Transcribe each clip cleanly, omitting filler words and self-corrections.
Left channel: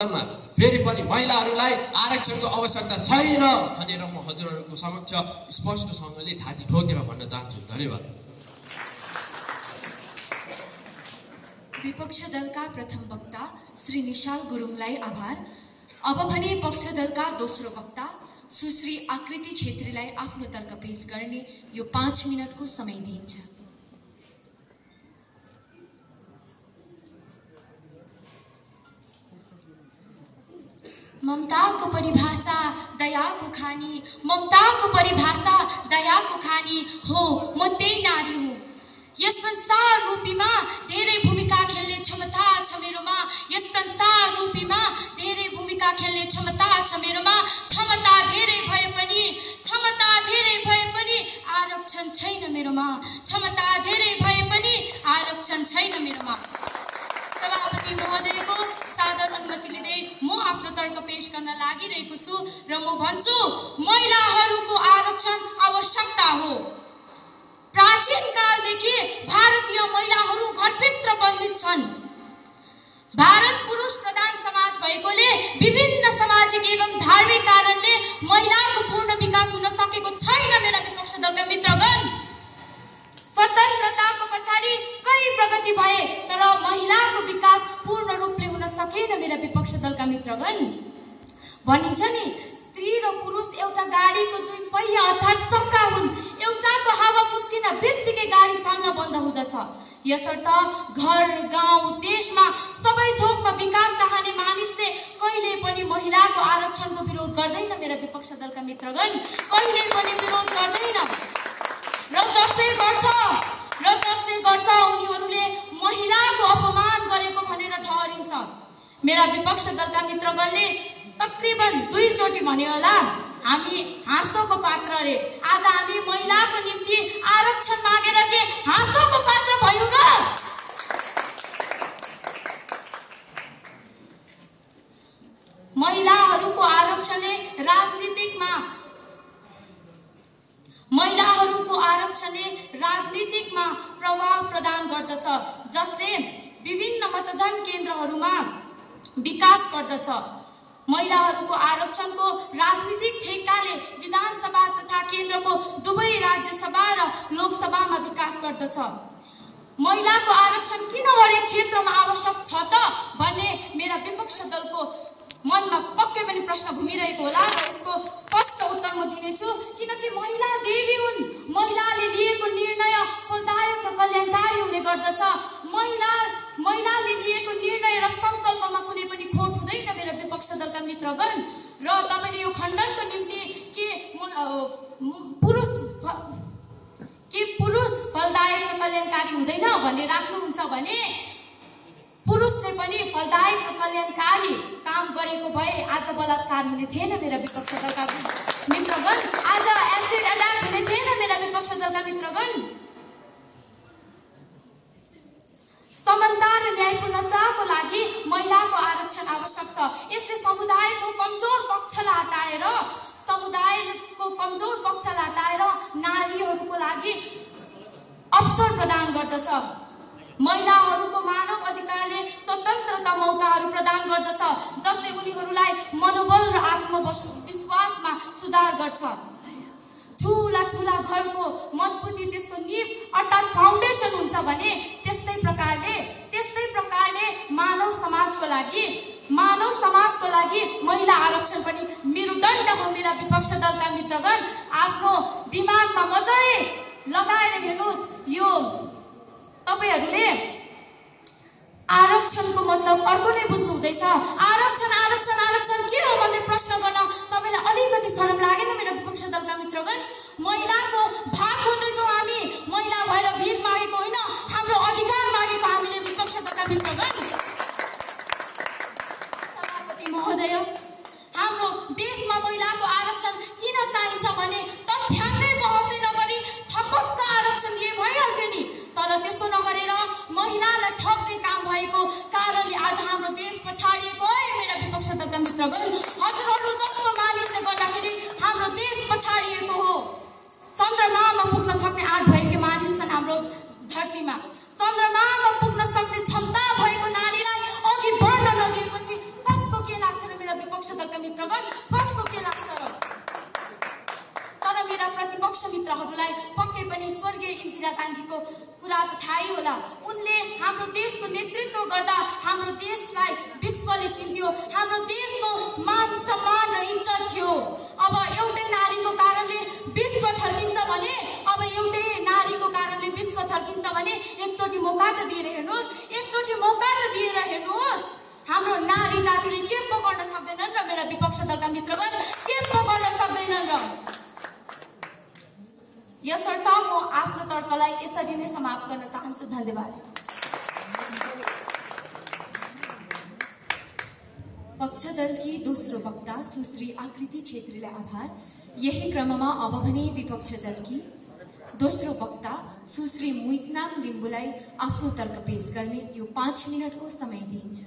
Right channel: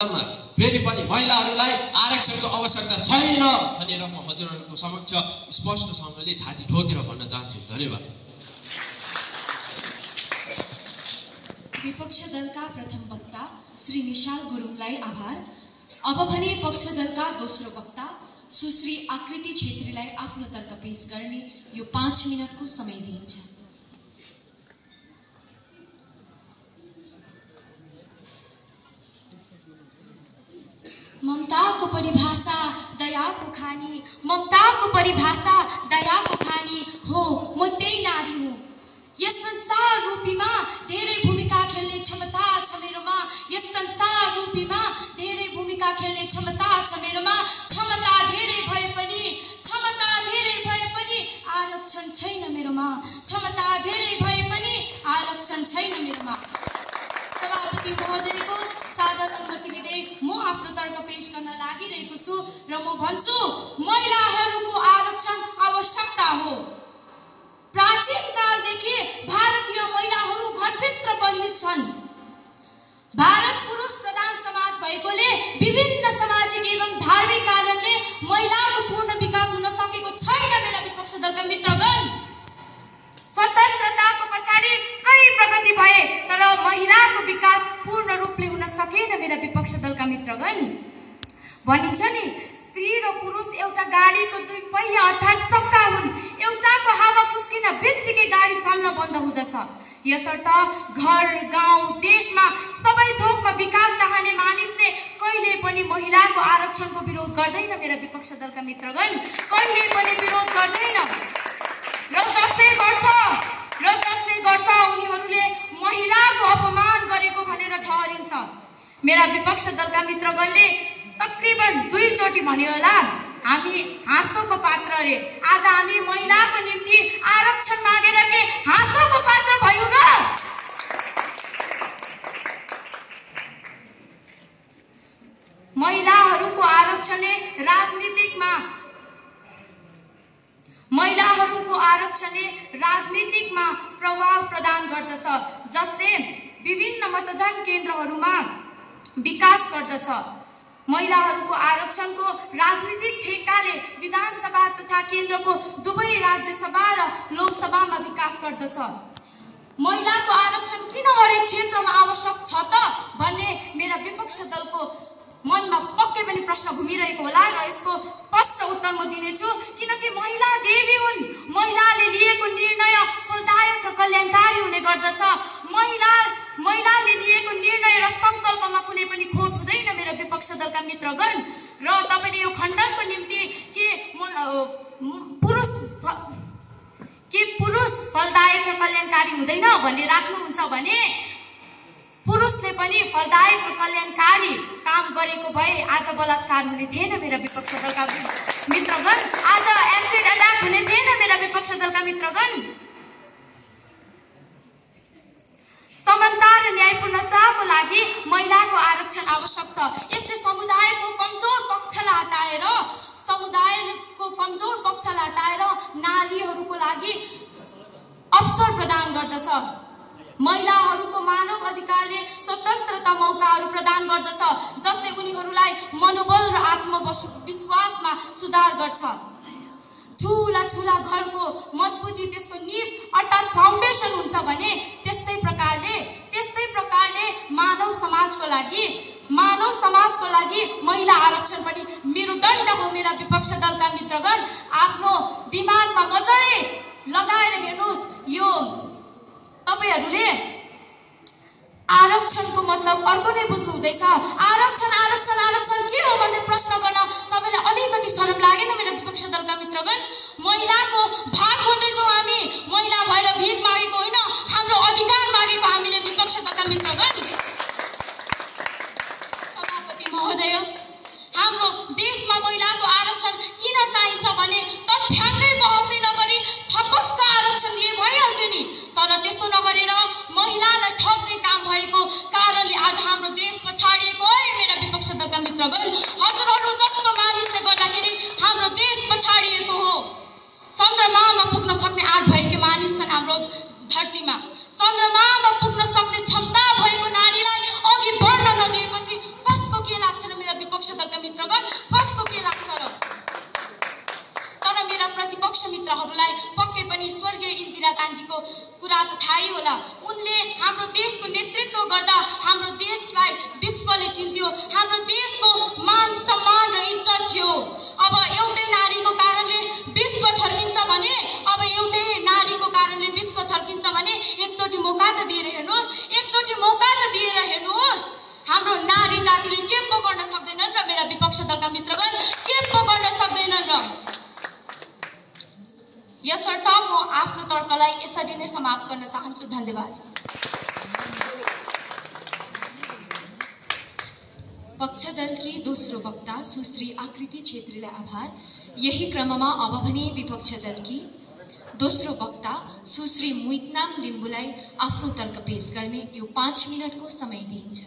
फेरि पनि महिलाहरूलाई आरक्षणको आवश्यकता छैन भनेर म हजुरहरूको समक्ष स्पष्टसँगले छाती ठोकेर भन्न चाहन्छु। धन्यवाद। विपक्ष दलका प्रथम वक्ता श्री निशाल गुरुङलाई आभार। अब भने पक्ष दलका दोस्रो वक्ता सुश्री आकृति छेत्रीलाई आफ्नो तर्क पेश गर्ने यो 5 मिनटको समय दिइन्छ। ममताको परिभाषा दयाको खानी, ममताको परिभाषा दयाको खानी हो, म त्यही नारी हुँ। यस संसार रूपीमा धेरै भूमिका खेल्ने क्षमता छ मेरोमा, यस संसार रूपीमा धेरै भूमिका खेल्ने क्षमता छ मेरोमा। क्षमता धेरै भए पनि आरक्षण छैन मेरोमा, क्षमता धेरै भए पनि आरक्षण छैन मेरोमा। सभापति महोदयको सादर अनुमति लिँदै म आफ्नो तर्क पेश गर्न लागिरहेको छु र म भन्छु महिलाहरूको आरक्षण आवश्यकता हो। प्राचीन कालदेखि भारतीय महिलाहरू घरभित्र बन्दित छन्। भारत पुरुष प्रधान समाज भएकोले विभिन्न सामाजिक एवं धार्मिक कारणले महिलाको पूर्ण विकास हुन सकेको छैन मेरा विपक्ष दलका मित्रगण। स्वतन्त्रताको पछाडि कई प्रगति भए तर महिलाको विकास पूर्ण रूपले हुन सकेन मेरा विपक्ष दलका मित्रगण। भनिन्छ नि स्त्री र पुरुष एउटा गाडीको 2 पहिया अर्थात् चक्का हुन्। एउटाको हावा फुस्किन बित्तिकै गाडी चल्न बन्द हुँदछ। यसर्थ घर गाउँ देशमा सबै थोकमा विकास चाहने मानिसले कहिले पनि महिलाको आरक्षणको विरोध गर्दैन मेरा विपक्ष दलका मित्रगण, कहिले पनि विरोध गर्दैन। र जसले गर्छ उनीहरूले महिलाको अपमान गरेको भनेर ठहरिन्छ। मेरा विपक्ष दलका मित्रगणले तकरिबन 2 चोटि भन्यो होला हामी हाँसोको पात्र रे। आज हामी महिलाको निम्ति आरक्षण मागेर के हाँसोको पात्र भयौँ र? महिलाहरूको आरक्षणले राजनीतिकमा प्रभाव प्रदान गर्दछ, जसले विभिन्न मतदान केन्द्रहरूमा विकास गर्दछ। महिलाहरूको आरक्षणको राजनीतिक ठेक्काले विधानसभा तथा केन्द्रको दुवै राज्यसभा र लोकसभामा विकास गर्दछ। महिलाको आरक्षण किन हरेक क्षेत्रमा आवश्यक छ त भन्ने मेरा विपक्ष दलको मनमा पक्कै पनि प्रश्न घुमिरहेको होला र यसको स्पष्ट उत्तर म दिनेछु। किनकि महिला देवी हुन्। महिलाले लिएको निर्णय फलदायक र कल्याणकारी हुने गर्दछ। महिलाले लिएको निर्णय र संकल्पमा कुनै पनि खोट हुँदैन मेरा विपक्ष दलका मित्रगण। र तपाईले यो खण्डनको निम्ति के पुरुष फलदायक र कल्याणकारी हुँदैन भन्ने राख्नुहुन्छ भने पुरुषले पनि फलदायक र कल्याणकारी काम गरेको भए आज बलात्कार हुने थिएन मेरा विपक्ष दलका मित्रगण, आज एसिड अट्याक हुने थिएन मेरा विपक्ष दलका मित्रगण। समानता र न्यायपूर्णताको लागि महिलाको आरक्षण आवश्यक छ। यसले समुदायको कमजोर पक्षलाई हटाएर नारीहरूको लागि अवसर प्रदान गर्दछ। महिलाहरूको मानव अधिकारले स्वतन्त्रता मौकाहरू प्रदान गर्दछ, जसले उनीहरूलाई मनोबल र आत्मविश्वासमा सुधार गर्छ। ठुला घरको मजबुती त्यसको नीव अर्थात् फाउन्डेसन हुन्छ भने त्यस्तै प्रकारले मानव समाजको लागि महिला आरक्षण पनि मेरुदण्ड हो मेरा विपक्ष दलका मित्रगण। आफ्नो दिमागमा मजाले लगाएर हेर्नुहोस्। यो तपाईहरूले आरक्षणको मतलब अर्को नै बुझ्नु हुँदैछ। आरक्षण के हो भन्ने प्रश्न गर्न तपाईलाई अलिकति शरम लागेन मेरा विपक्ष दलका मित्रगण? महिलाको भाग खोज्दैछौँ हामी। महिला भएर भिख मागेको होइन, हाम्रो अधिकार मागेको हामीले विपक्ष दलका मित्रगण। सभापति महोदय, हाम्रो देशमा महिलाको आरक्षण किन चाहिन्छ भने तथ्याङ्कै बहसै नगरी थपक्क आरक्षण दिए भइहाल्थ्यो नि। तर त्यसो नगरेर महिलालाई ठप्ने काम भएको कारणले आज हाम्रो देश पछाडिएको है मेरा विपक्ष दलका मित्रगण। हजुरहरू जस्तो मानिसले गर्दाखेरि हाम्रो देश पछाडिएको हो। चन्द्रमामा पुग्न सक्ने आँट भएकी मानिस छन् हाम्रो धरतीमा। चन्द्रमामा पुग्न सक्ने क्षमता भएको नारीलाई अघि बढ्न नदिएपछि कसको के विश्वले चिन्थ्यो, हाम्रो देशको मान सम्मान र इज्जत थियो। अब एउटै नारीको कारणले विश्व थर्किन्छ भने, अब एउटै नारीको कारणले विश्व थर्किन्छ भने एकचोटि मौका त दिएर हेर्नुहोस्, एकचोटि मौका त दिएर हेर्नुहोस्। हाम्रो नारी जातिले के पो गर्न सक्दैनन् र मेरा विपक्ष दलका मित्रगण, के पो गर्न सक्दैनन् र? यसर्थ म आफ्नो तर्कलाई यसरी नै समाप्त गर्न चाहन्छु। धन्यवाद। पक्षदलकी दोस्रो वक्ता सुश्री आकृति छेत्रीलाई आभार। यही क्रममा अब भने विपक्ष दलकी दोस्रो वक्ता सुश्री मुइकनाम लिम्बुलाई आफ्नो तर्क पेश गर्ने यो 5 मिनटको समय दिइन्छ।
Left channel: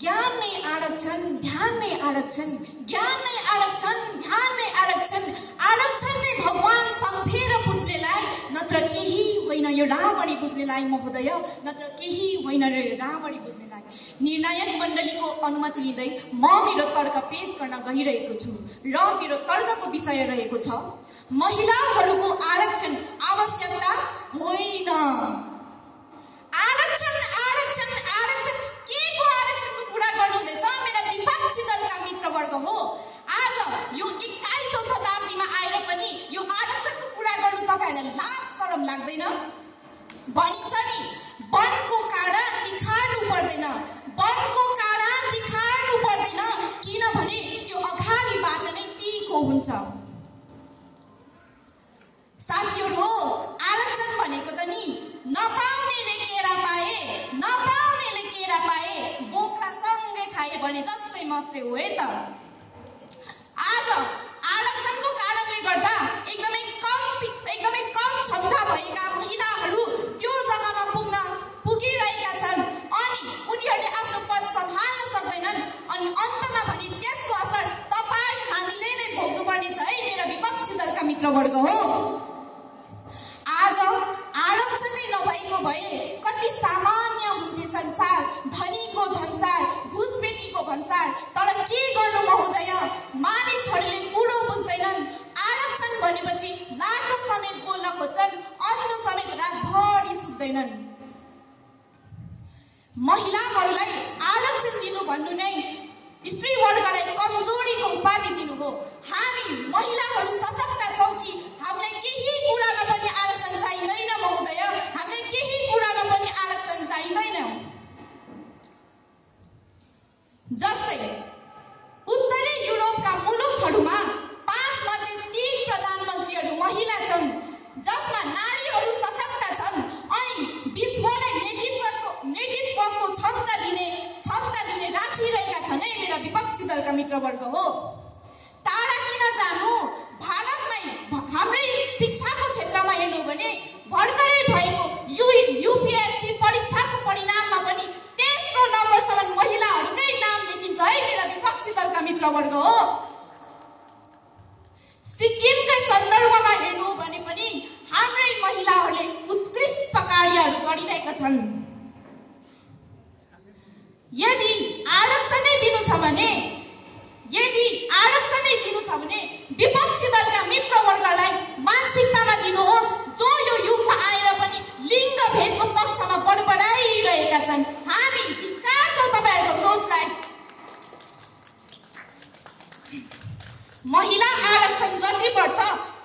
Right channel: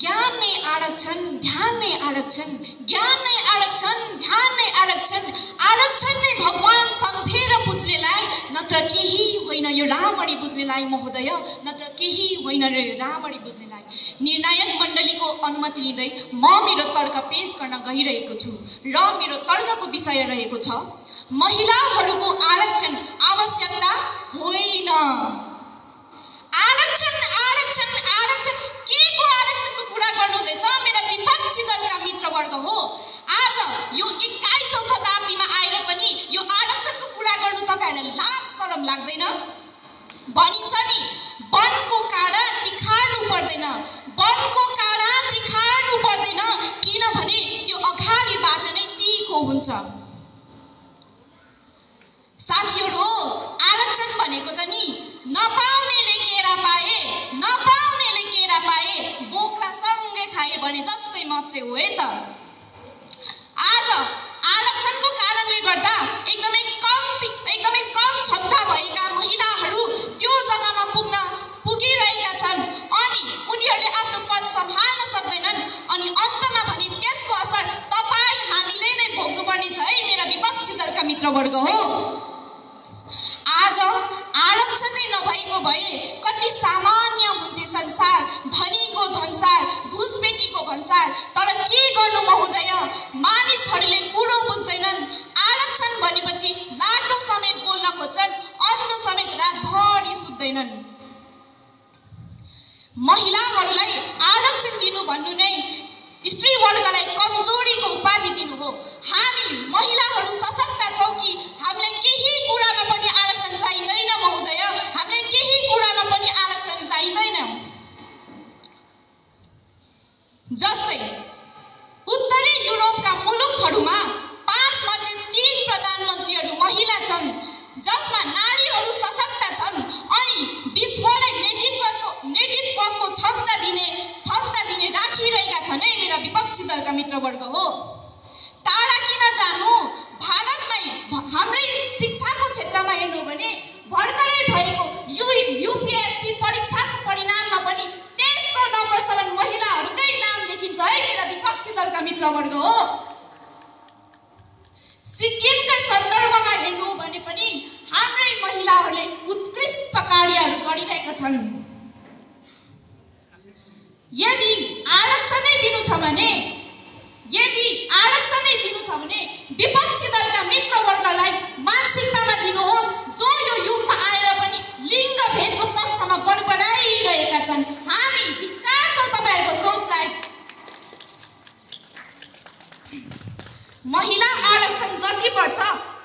ज्ञान नै आरक्षण, ध्यान नै आरक्षण, ज्ञान नै आरक्षण, ध्यान नै आरक्षण, आरक्षण नै भगवान सम्झेर बुझ्नेलाई, नत्र केही होइन यो राम्ररी बुझ्नेलाई महोदय, नत्र केही होइन र यो राम्ररी बुझ्नेलाई। निर्णायक मण्डलीको अनुमति लिँदै म मेरो तर्क पेश गर्न गइरहेको छु र मेरो तर्कको विषय रहेको छ महिलाहरूको आरक्षण आवश्यकता होइन। आरक्षण आरक्षण आरक्षण के को आरक्षणको कुरा गर्नुहुँदैछ मेरा विपक्षी दलका मित्रवर्ग हो? आज यो 21औं शताब्दीमा आएर पनि यो आरक्षणको कुरा गर्नु तपाईहरुलाई लाज शरम लाग्दैन? भनिन्छ नि वनको काँडा तिखार्नु पर्दैन, वनको काँडा तिखार्नु पर्दैन, किनभने त्यो अगाडिबाट नै तीखो हुन्छ। साथीहरु, आरक्षण भनेको त नि नपाउनेले केरा पाए, नपाउनेले केरा पाए, बोक्रा सँगै खाए भने जस्तै मात्रै हो है त। आज आरक्षणको कारणले गर्दा एकदमै कम क्षमता भएका महिलाहरू त्यो जग्गामा पुगिरहेका छन् अनि उनीहरूले आफ्नो पद सम्हाल्न सक्दैनन् अनि अन्तमा भने त्यसको असर तपाईं हामीले नै भोग्नुपर्ने छ है मेरा विपक्षी दलका मित्रवर्ग हो। आज आरक्षण नै नभएको भए कति सामान्य हुन्थे संसार, धनीको धनसार, घुसपेटीको भन्सार। तर के गर्नु महोदय, मानिसहरूले कुरो बुझ्दैनन्। आरक्षण भनेपछि लाटो समेत बोल्न खोज्छन्, अन्धो समेत रातभरि सुत्दैनन्। महिलाहरूलाई आरक्षण दिनु भन्नु नै स्त्री वर्गलाई कमजोरीको उपाधि दिनु हो। हामी महिलाहरू सशक्त छौं कि हामीलाई केही कुरामा पनि आरक्षण चाहिँदैन महोदय, हामीलाई केही कुरामा पनि आरक्षण चाहिँदैन। जस्तै उत्तरी युरोपका मुलुकहरूमा 5 मध्ये 3 प्रधानमन्त्रीहरू महिला छन्, जसमा नारीहरू सशक्त छन् अनि विश्वलाई नेतृत्वको क्षमता दिने राखिरहेका छन् है मेरा विपक्षी दलका मित्रवर्ग हो। टाढा किन जानु, भारतमै हाम्रै शिक्षाको क्षेत्रमा हेर्नु भने भर्खरै भएको युपीएससी परीक्षाको परिणाममा पनि तेस्रो नम्बरसम्म महिलाहरूकै नाम देखिन्छ है मेरा विपक्षी दलका मित्रवर्ग हो। सिक्किमका सन्दर्भमा हेर्नु भने पनि हाम्रै महिलाहरूले उत्कृष्ट कार्यहरू गरिरहेका छन्। यदि आरक्षण नै दिनु छ भने विपक्षी दलका मित्रवर्गलाई मानसिकतामा दिनुहोस् जो यो युगमा आएर पनि लिङ्ग भेदको पक्षमा बडबडाइरहेका छन्। हामी धिक्कार छौं तपाईहरुको सोचलाई। महिला आरक्षण जति बढ्छ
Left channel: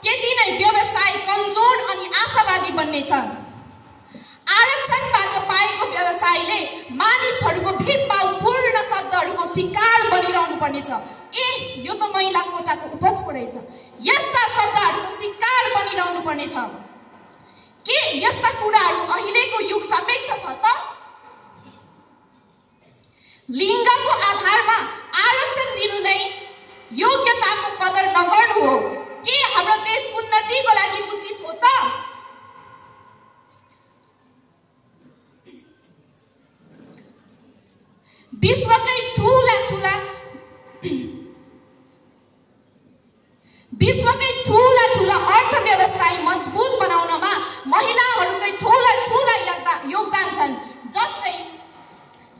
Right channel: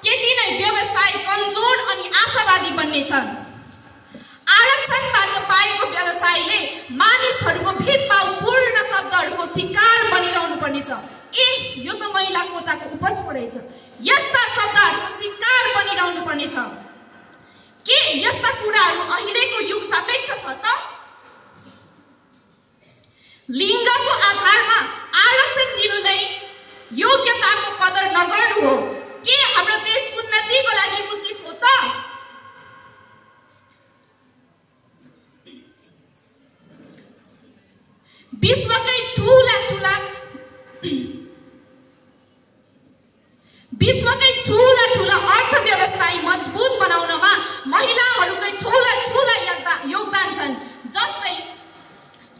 त्यति नै व्यवसाय कमजोर अनि आशावादी बन्नेछन्। आरक्षणबाट पाएको व्यवसायले मानिसहरूको भेदभावपूर्ण शब्दहरूको शिकार बनिरहनु पर्नेछ। यो त महिला कोटाको उपज पो रहेछ। यस्ता शब्दहरूको शिकार बनिरहनु पर्नेछ। के यस्ता कुराहरू अहिलेको युग सापेक्ष छ त? लिङ्गको आधारमा आरक्षण दिनु नै योग्यताको कदर नगर्नु हो। के हाम्रो देश उन्नतिको लागि उचित हो त? विश्वकै ठूला अर्थव्यवस्थालाई मजबुत बनाउनमा महिलाहरूकै ठूला योगदान छन्। जस्तै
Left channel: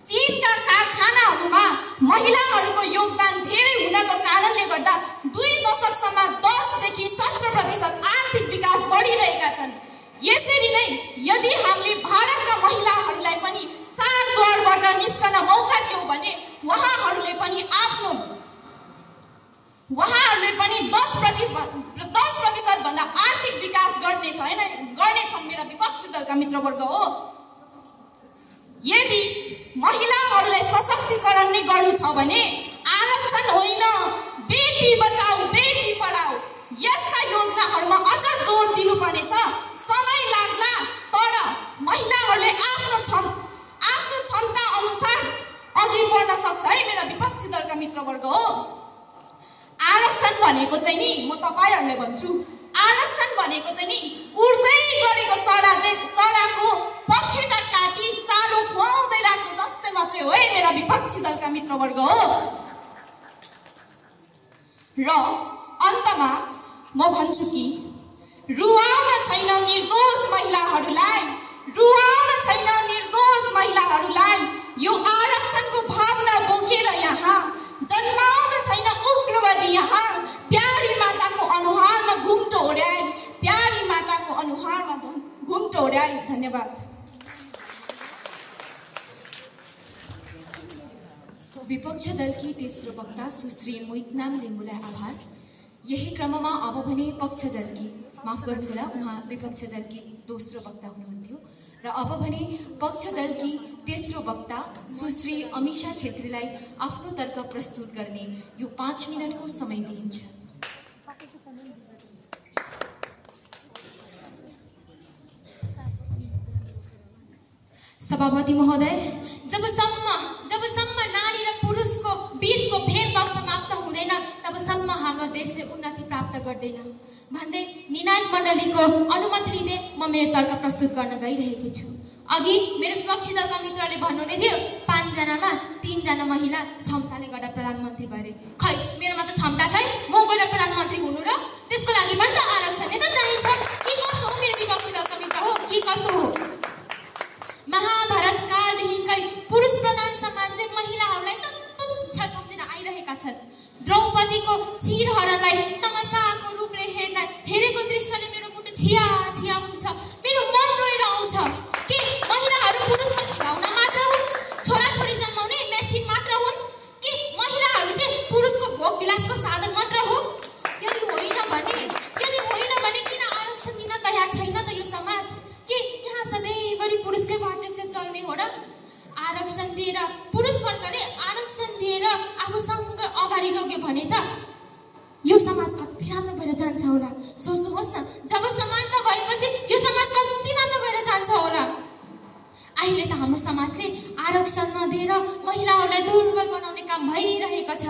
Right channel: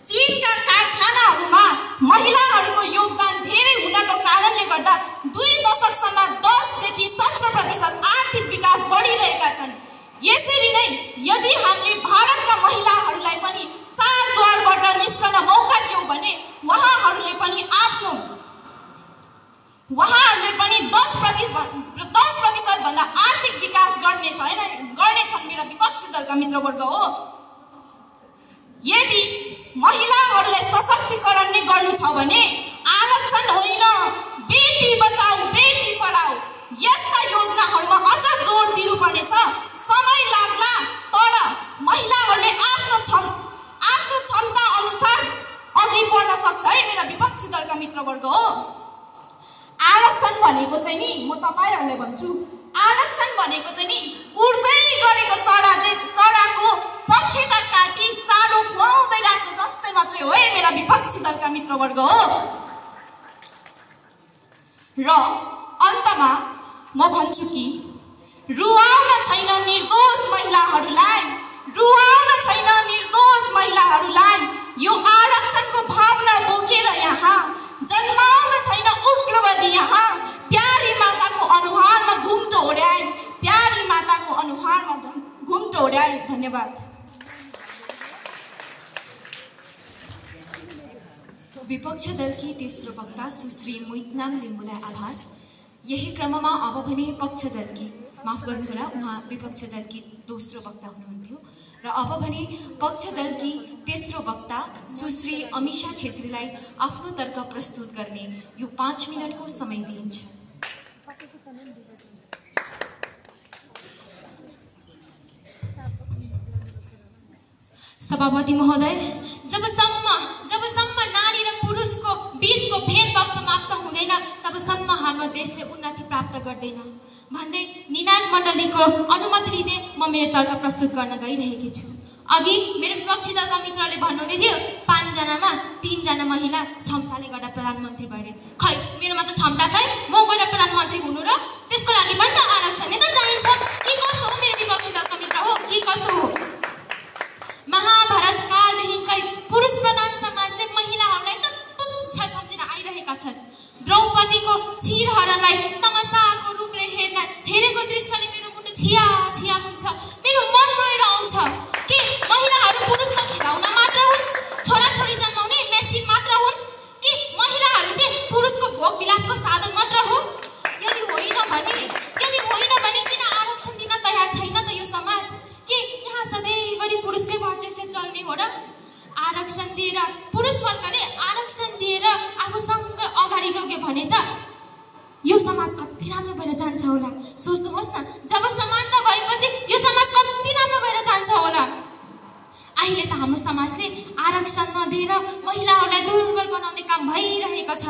चीनका कारखानाहरूमा महिलाहरूको योगदान धेरै हुनको कारणले गर्दा 2 दशकसम्म 10 देखि 17% आर्थिक दलका मित्रवर्ग हो। यदि महिलाहरूलाई सशक्तिकरण नै गर्नु छ भने आरक्षण होइन, बेटी बचाऊ बेटी पढाऊ यस्ता योजनाहरूमा अझ जोड दिनुपर्नेछ। समय लाग्ला तर महिलाहरूले आफ्नो क्षमता अनुसार अघि बढ्न सक्छ है मेरा विपक्षी दलका मित्रवर्ग हो। आरक्षण भनेको चाहिँ नि म तपाईहरुलाई भन्छु, आरक्षण भनेको चाहिँ नि उड्दै गरेको चराको पखेटा काटी चारो खुवाउँदै राख्नु जस्तै मात्रै हो है मेरा विपक्षी दलका मित्रवर्ग हो। र अन्तमा म भन्छु कि रुवाउन छैन निर्दोष महिलाहरूलाई, रुवाउन छैन निर्दोष महिलाहरूलाई। यो आरक्षणको भावना बोकेर यहाँ जन्माउन छैन उग्रवादी यहाँ। प्यारी माताको अनुहारमा घुम्टो ओढ्याई, प्यारी माताको अनुहारमा घुम्टो ओढ्याई। धन्यवाद। विपक्ष दलकी तेस्रो वक्ता सुश्री मुइतनाम लिम्बुलाई आभार। यही क्रममा अब भने पक्ष दलकी, माफ गर्नुहोला उहाँ विपक्ष दलकी दोस्रो वक्ता हुनुहुन्थ्यो, र अब भने पक्ष दलकी तेस्रो वक्ता सुश्री अमिषा छेत्रीलाई आफ्नो तर्क प्रस्तुत गर्ने यो 5 मिनटको समय दिइन्छ। सभापति महोदय, जबसम्म नारी र पुरुषको बीचको भेदभाव समाप्त हुँदैन तबसम्म हाम्रो देशले उन्नति प्राप्त गर्दैन भन्दै निर्णायक मण्डलीको अनुमति लिँदै म मेरो तर्क प्रस्तुत गर्न गइरहेकी छु। अघि मेरो विपक्षी दलका मित्रले भन्नुहुँदै थियो 5 जनामा 3 जना महिला क्षमताले गर्दा प्रधानमन्त्री भए। खै मेरोमा त क्षमता छैन, म गएर प्रधानमन्त्री हुनु र त्यसको लागि पनि त आरक्षण नै त चाहिन्छ। के कसो हो मेरो विपक्षी दलका मित्र हो, के कसो हो? महाभारत कालदेखिकै पुरुष प्रधान समाजले महिलाहरूलाई त तुच्छ सम्झेर आइरहेका छन्। द्रौपदीको क्षीरहरणलाई तमसाको रूपले हेरेको दृश्यले मेरो मुटु छिया छिया हुन्छ, मेरो मन रोएर आउँछ। के महिलाहरू पुरुषको खेलाउन मात्र हुन्, छोराछोरी जन्माउने मेसिन मात्र हुन्? के महिलाहरू चाहिँ पुरुषको भोग विलासको साधन मात्र हो? यदि होइन भने किन आरक्षण दिन तयार छैन त यो समाज? के यहाँ सधैँभरि पुरुषकै वर्चस्व चल्ने हो र? आरक्षण दिएर पुरुष वर्गले आरक्षण दिएर आफूसँग अगाडि लग्यो भने त यो समाज कति राम्रो भएर जान्छ होला। सोच्नुहोस् न, जब समानता भएपछि यो समाज कति राम्रो भएर जान्छ होला। अहिले त हाम्रो समाजले आरक्षण नदिएर महिलाहरूलाई दुर्बल बनाउने काम भइरहेको छ।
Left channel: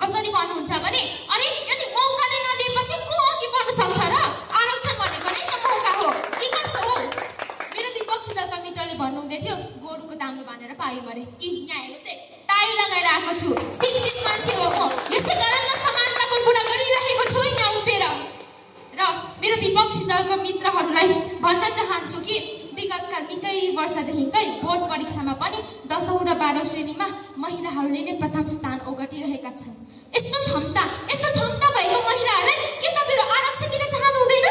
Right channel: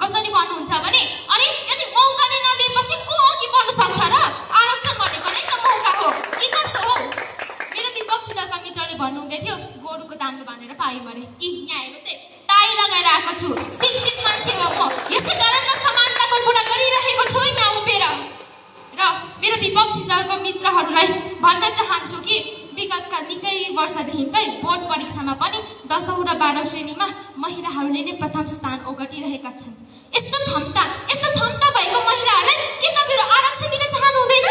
कसरी भन्नुहुन्छ भने अरे यदि मौका नै नदिएपछि को अघि बढ्न सक्छ र? आरक्षण भनेको नै त मौका हो। के कसो हो? मेरो विपक्षी दलका मित्रले भन्नुहुँदै थियो गोरुको दाम्लो बाँधेर पाइ मरे। यहाँ हेर्नुहोस् है, टाई लगाएर आएको छु, शिक्षित मान्छे हो म, यसै कारण त समानताको कुरा गरिरहेको छु यहाँ उभिएर। र मेरो विपक्षी दलको मित्रहरूलाई भन्न चाहन्छु कि विगतका निकै वर्षदेखिकै बोर्ड परीक्षामा पनि 10औं र 12औं श्रेणीमा महिलाहरूले नै प्रथम स्थान ओगटिरहेका छन्। यस्तो क्षमता भएको महिलाहरूले के तपाईहरु आरक्षण दिन चाहनु हुँदैन?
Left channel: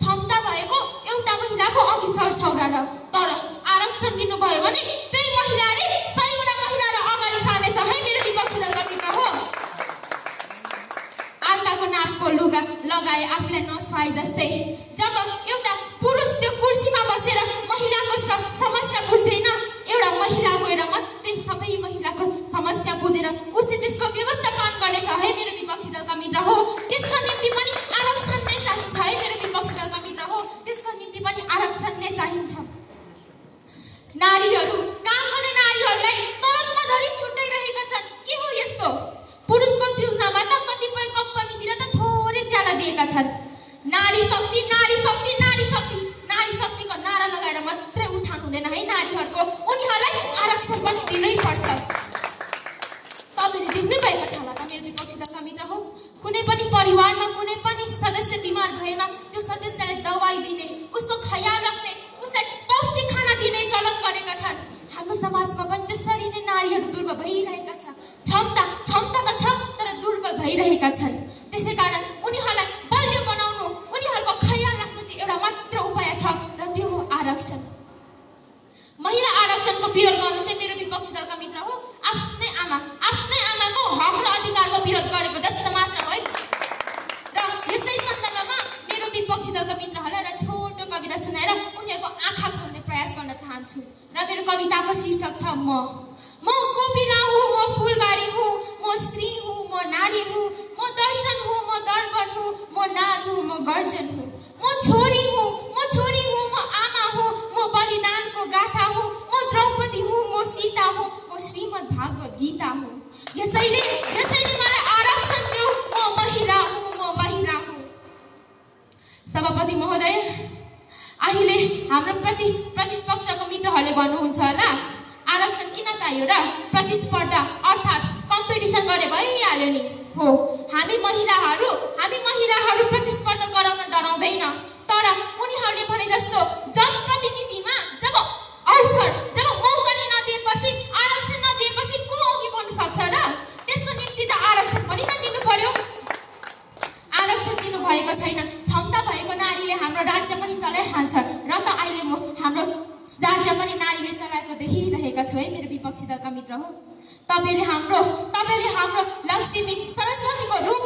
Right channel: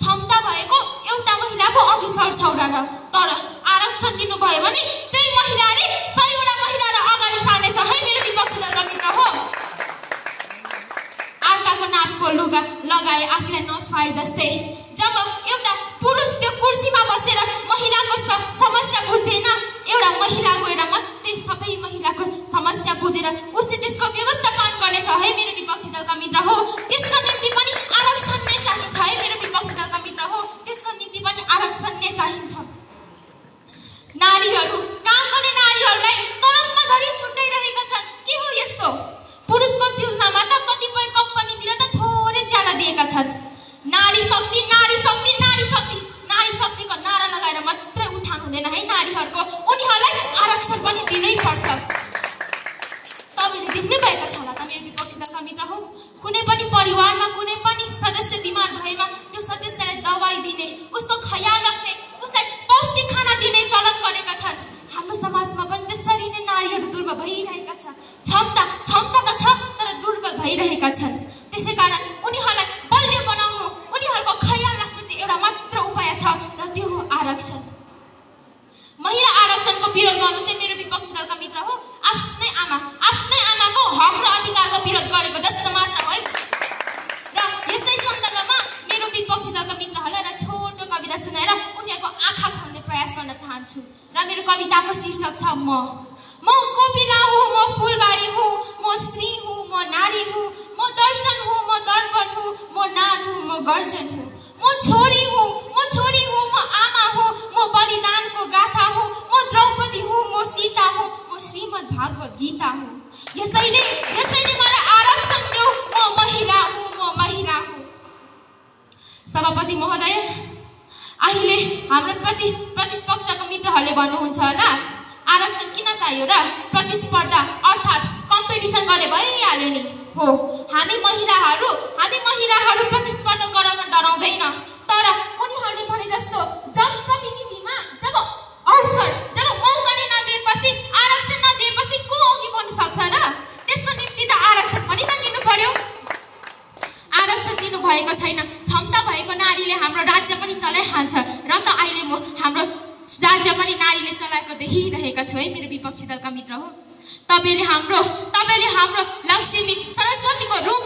क्षमता भएको एउटा महिलाको अघि सर्छ र तर आरक्षण दिनुभयो भने त्यही महिलाले 100 वटा महिलालाई अगाडि सार्नेछ है मेरो विपक्षी दलका मित्र हो। अर्काको नापको लुगा लगाए आफूलाई नसुहाए जस्तै जब एउटा पुरुष त्यो कुर्सीमा बसेर महिलाको समस्या बुझ्दैन, एउटा महिला गएर मात्रै सबै महिलाको समस्या बुझेर उसले त्यसको व्यवस्थापन गर्नेछ है मेरो विपक्षी दलका मित्र हो। त्यसको निम्ति पनि आरक्षण नै चाहिन्छ है मेरो विपक्षी दलका मित्र हो। त्यसको निम्ति पनि आरक्षण नै चाहिन्छ। नारीहरू, काम गर्ने नारीहरूलाई तलबमा धरि छुट्याइरहेका छन्। के हो यस्तो? पुरुषको तुलनामा त कतिपय कम्पनीतिर त थोरै ज्यादा दिएका छन्। नारी शक्ति मेरो कविताको शीर्षक छ म कोपिला हुँ, म फुलबारी हुँ, म स्त्री हुँ, म नारी हुँ, म दर्शन हुँ, म दर्पण हुँ, म नार हुँ, म गर्जन हुँ, म छोरी हुँ, म आमा हुँ, म बलिदानको गाथा हुँ, म द्रौपदी हुँ, म सीता हुँ, म श्रीमद् भागवत गीता हुँ। यसैले मलाई आरक्षण देऊ, म महिला हुँ। सभापति महोदय, अहिले हाम्रो प्रतिपक्षका मित्रहरूले भन्नुहुन्छ होला आरक्षण किन चाहियो र? प्रतिस्पर्धा अर्थात् कम्पिटिसन गरे भइहाल्यो नि। हो, हामी महिलाहरू प्रतिस्पर्धा गराउन डराउँदैन, तर उनीहरूले भने जस्तो जनप्रतिनिधिमा जब मौका नदिएपछि, आरक्षण नदिएपछि को अघि बढ्न सक्छ र? त्यसको निम्ति त आरक्षण पनि त दिनु पर्यो। आरक्षण दिनु भएको छैन, क्षमता भएको नारीले हाम्रो राज्य पनि चलाइहाल्छ र त अहिले म हाम्रो राज्य पनि नारीले चलाएको देखिरहेका छु है मेरो विपक्षी दलका मित्र हो। तपाईले हाम्रो लक्ष्मी सरस्वतीको रूप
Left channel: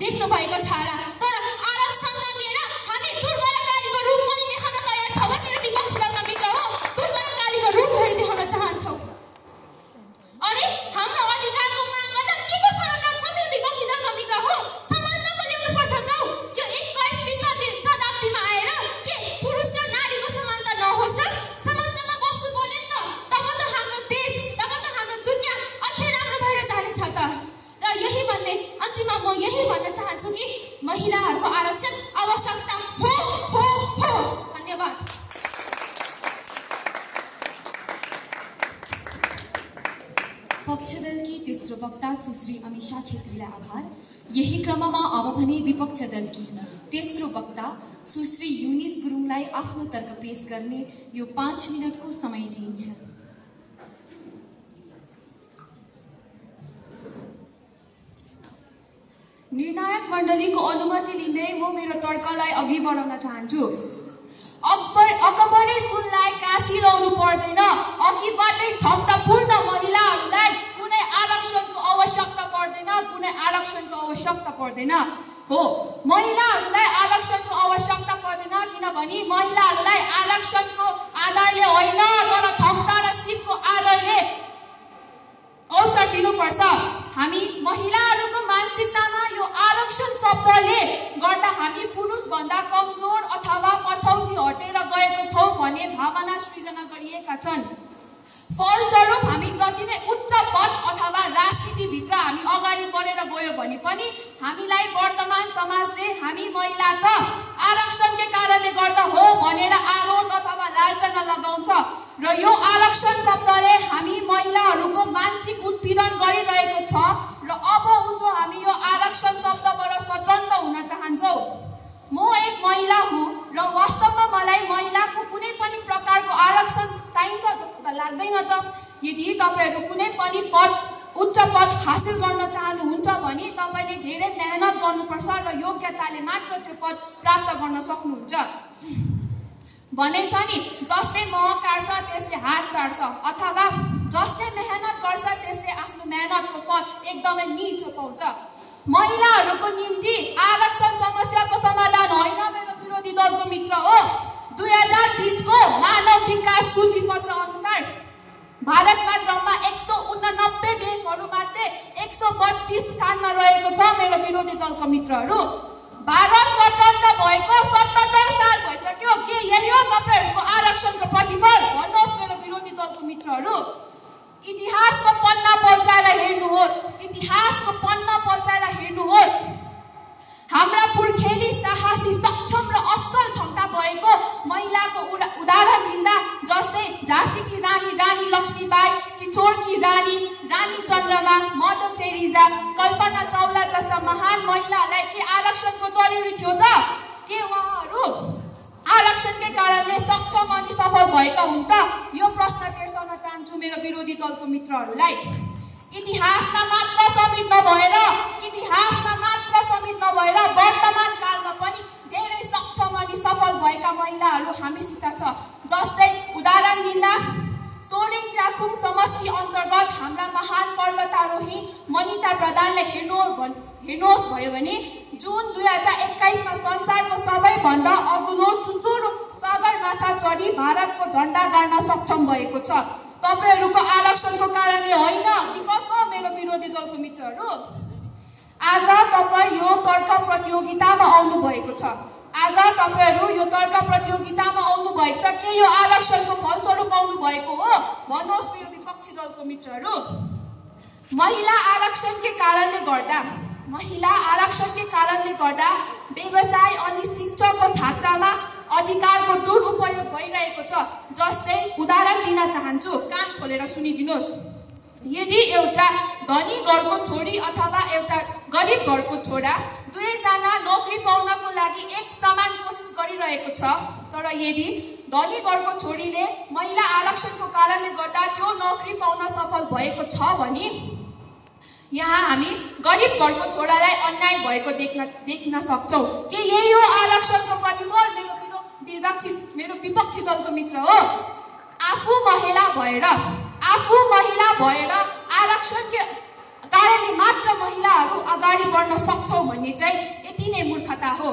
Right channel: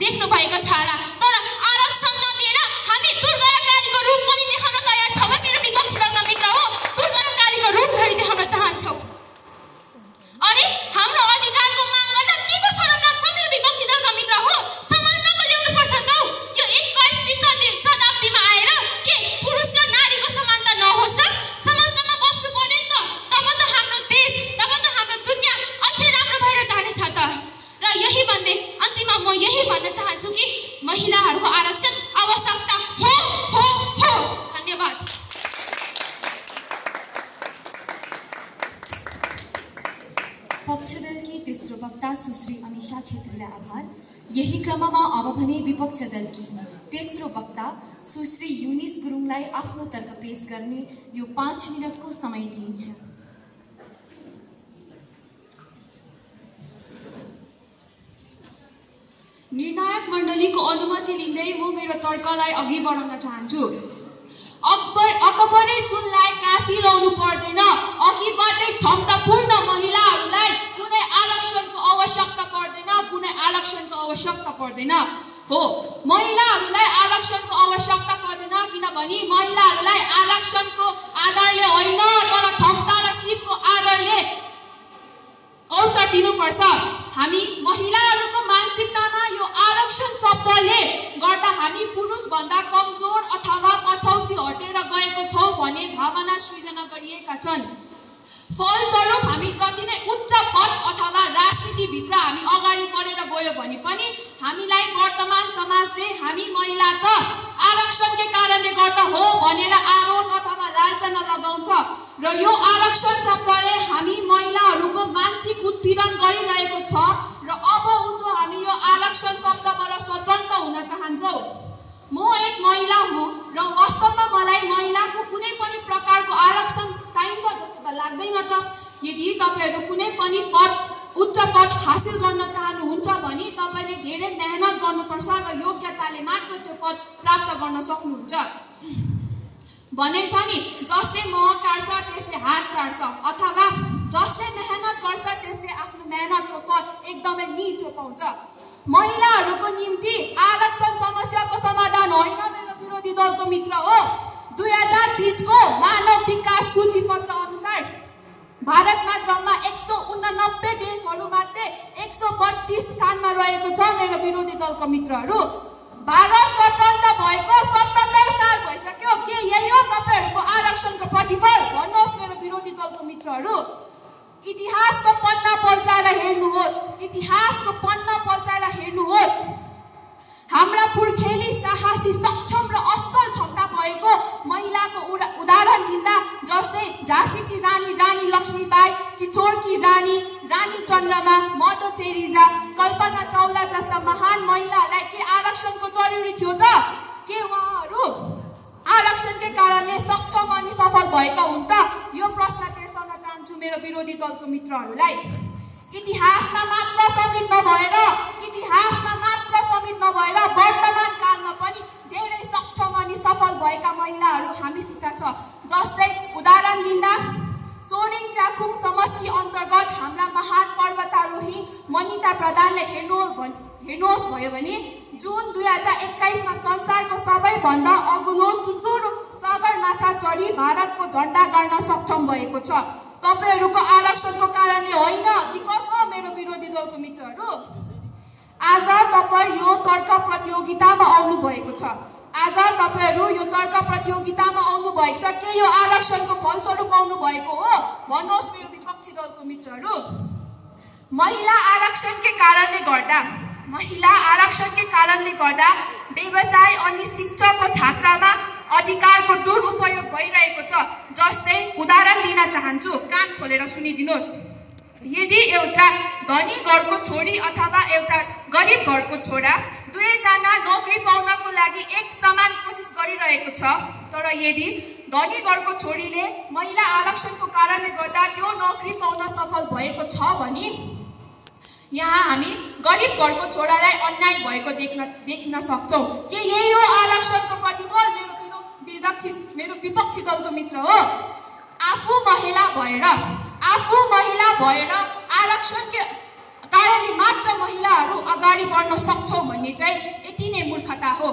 देख्नु भएको छ होला, तर आरक्षण नदिएर हामी दुर्गा र कालीको रूप पनि देखाउन तयार छौँ है मेरो विपक्षी दलका मित्र हो। दुर्गा र कालीको रूप धरि देखाउन चाहन्छौँ। अरे हाम्रो अधिकारको माग गर्न के को शरम लाग्छ मेरो विपक्षी दलका मित्र हो? समानताको ल्याउनु पर्छ त। यो 21वीं शताब्दीमा आएर के पुरुष र नारीको समानता नहोस् र? समानतामा बस्नु पर्ने नि त। तब त हाम्रो देश, तब त हाम्रो दुनिया अझै राम्रो भएर जानेछ त। र यही भन्दै अन्तिममा म यही भन्न चाहन्छु कि महिलाहरूको आरक्षण आवश्यकता हो। धन्यवाद। पक्षदलकी तेस्रो वक्ता सुश्री अमिषा छेत्रीलाई आभार। यही क्रममा अब भने विपक्ष दलकी तेस्रो वक्ता सुश्री युनिस गुरुङलाई आफ्नो तर्क पेश गर्ने यो 5 मिनटको समय दिइन्छ। निर्णायक मण्डलीको अनुमति लिँदै म मेरो तर्कलाई अघि बढाउन चाहन्छु। अकबरै सुनलाई काशी लाउनु पर्दैन। अघिबाटै क्षमतापूर्ण महिलाहरूलाई कुनै आरक्षणको आवश्यकता पर्दैन। हो, महिलाहरूलाई आरक्षणको आवश्यकता पर्दैन, किनभने महिलाहरूलाई आरक्षणको आधारले होइन तर क्षमता र सिपको आधारले अवसर दिनुपर्छ। हामी महिलाहरूको मानसिकतामा यो आरक्षण शब्दले गर्दा हामी पुरुषभन्दा कमजोर अथवा पछौटी हटेर गएको छौँ भन्ने भावना सृजना गरिएका छन्। फलस्वरूप हामी जति नै उच्च पद अथवा राजनीतिभित्र हामी अगाडि बढेर गयो भने पनि हामीलाई वर्तमान समाजले हामी महिला त आरक्षणकै कारणले गर्दा हो भनेर आरोप अथवा लाञ्छना लगाउँछ र यो आरक्षण शब्दले हामी महिलाहरूको मानसिक उत्पीडन गरिरहेको छ र अब उसो हामी यो आरक्षण शब्दबाट स्वतन्त्र हुन चाहन्छौँ। म एक महिला हुँ र वास्तवमा मलाई महिलाको कुनै पनि प्रकारको आरक्षण चाहिन्छ जस्तो त लाग्दैन त। यदि तपाईहरू कुनै पनि उच्च पद हासिल गर्न चाहनुहुन्छ भने तपाईले धेरै मेहनत गर्नुपर्छ र योग्यताले मात्र त्यो पद प्राप्त गर्न सक्नुहुन्छ। भनेछ नि, जसले मह काट्छ त्यसले हात चाट्छ, अथवा जसले मेहनत गर्छ त्यसले आफ्नो मेहनतको फल एकदमै मिठो पाउँछ। महिलाहरूको निम्ति आरक्षण समस्याको समाधान होइन मेरो विरोधी दलको मित्र हो। 2020 को मानव विकास सूचीपत्र अनुसार भारतमा जम्मा 189 देशहरूमध्ये 132 स्थानमा रहेको छ मेरो विरोधी दलका मित्रहरू। भारत स्वतन्त्र भएको 77 साल भइसक्यो। के यही हो तपाईहरूको आरक्षणको प्रतिफल? भन्नुहोस् मेरो विरोधी दलको मित्रहरू। इतिहासको पन्ना पल्टाएर हेर्नुहोस्। हाम्रा पुर्खेली साहसी, सक्षम र असल क्षमता भएको महिलाको उदाहरण दिँदा जस्तै झाँसीकी रानी लक्ष्मीबाई, किशोरकी रानी चन्द्रमा, मदर टेरेसा, कल्पना चावला जस्ता महान महिलालाई के आरक्षणको जरुरी थियो त? के उहाँहरू आरक्षणकै कारणले सक्षम अनि सफल भएका हुन् त? यो प्रश्न तेर्साउन चाहन्छु मेरो विरोधी दलको मित्रहरूलाई। इतिहासमा मात्र समीप नभएर वर्तमान कालमा पनि धेरै सक्षम अनि सफल भएका महिलाहरू हामीसित छ। जस्तै उदाहरण दिँदा सोरेङ च्याखुङ समष्टि अन्तर्गत हाम्रा महान पर्वतारोही मनिता प्रधानले हेर्नुहोस् भयो भने जुन 2021 मा संसारको सबैभन्दा अग्लो चुचुरो सगरमाथा चढी भारतको झण्डा गाड्न सक्षम भएको छ। तपाईहरूको आरक्षणको कारणले होइन कि कसो मेरो विरोधी दलको मित्रहरू? आज तपाईँ यो तर्क प्रतियोगितामा आउनु भएको छ। आज तपाईहरू यो तर्क प्रतियोगितामा आउनु भएको छ के यो आरक्षणको फलस्वरूप आउनु भएको हो? भन्नुहोस् मेरो विपक्षी दलको मित्रहरू। महिला आरक्षणकै कारणले गर्दा व्यवसाय अनि शिक्षाको क्षेत्रमा अधिकारको दुरुपयोग भइरहेको छ। जस्तै उदाहरण दिन चाहन्छु, कान खोलेर सुनिदिनुहोस्। यदि एउटा धनी घरको छोरी अथवा एउटा गरिब घरको छोरा दुवैजना नोकरी पाउनको लागि एक समान कोसिस गरिरहेको छ, तर यदि धनी घरको छोरीले महिला आरक्षणको कारणले गर्दा त्यो नोकरी पाउन सफल भएको छ भने यहाँ हामी गरिब घरको छोरालाई अन्याय भएको देख्न सक्छौं। के यही हो आरक्षणको प्रतिफल मेरो विपक्षी दलको मित्र हो? आफू महिला भएर आरक्षणको कारणले मात्र महिलाहरू अगाडि बढ्न सक्छौं भन्ने चाहिँ यति नै मूर्खता हो।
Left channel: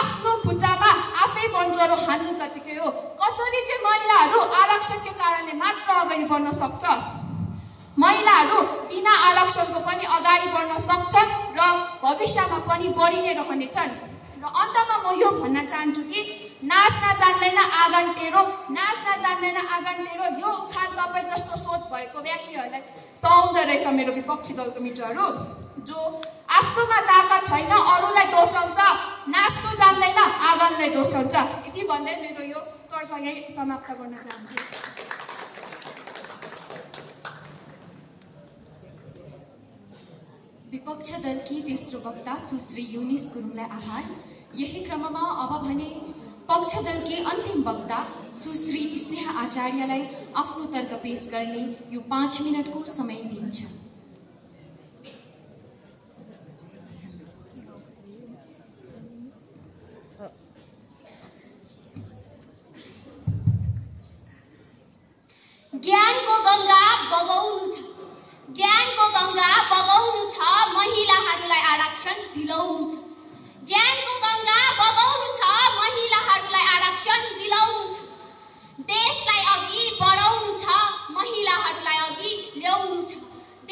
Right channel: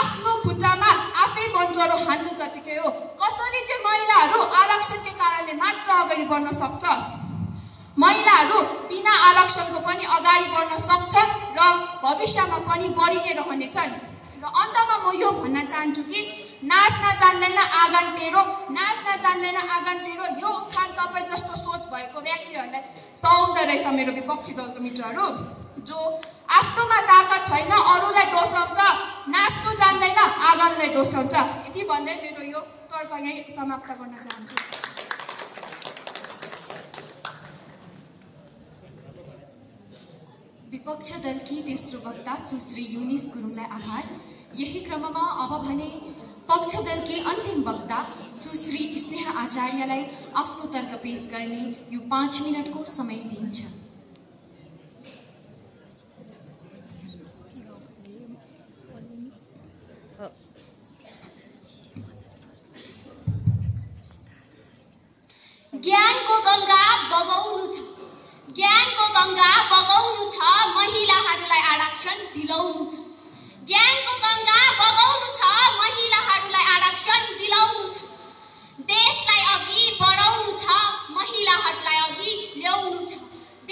आफ्नो खुट्टामा आफै मन्जरो हान्नु जतिकै हो। कसरी चाहिँ महिलाहरू आरक्षणको कारणले मात्र अगाडि बढ्न सक्छ? महिलाहरू बिना आरक्षणको पनि अगाडि बढ्न सक्छन् र भविष्यमा पनि बढी नै रहनेछन्। र अन्तमा म यो भन्न चाहन्छु कि नाच्न जान्दैन आँगन टेढो यो उखान तपाईँ जस्तो सोच भएको व्यक्तिहरूलाई सुहाउँदो रहेछ मेरो विपक्षी दलको मित्रहरू। जो आफ्नोमा ताकत छैन अरूलाई दोषाउँछ, नाच्नु जान्दैन आँगनलाई दोषाउँछ। यति भन्दै मेरो यो तर्क यही समाप्त गर्न चाहन्छु। विपक्ष दलकी तेस्रो वक्ता सुश्री युनिस गुरुङलाई आभार। यही क्रममा अब भने पक्ष दलकी अन्तिम वक्ता सुश्री स्नेहा आचार्यलाई आफ्नो तर्क पेश गर्ने यो 5 मिनटको समय दिइन्छ। ज्ञानको गंगा बगाउनु छ, महिलाहरूलाई आरक्षण दिलाउनु छ। ज्ञानको गंगा बगाउनु छ, महिलाहरूलाई आरक्षण दिलाउनु छ। देशलाई अघि बढाउनु छ, महिलाहरूलाई अघि ल्याउनु छ।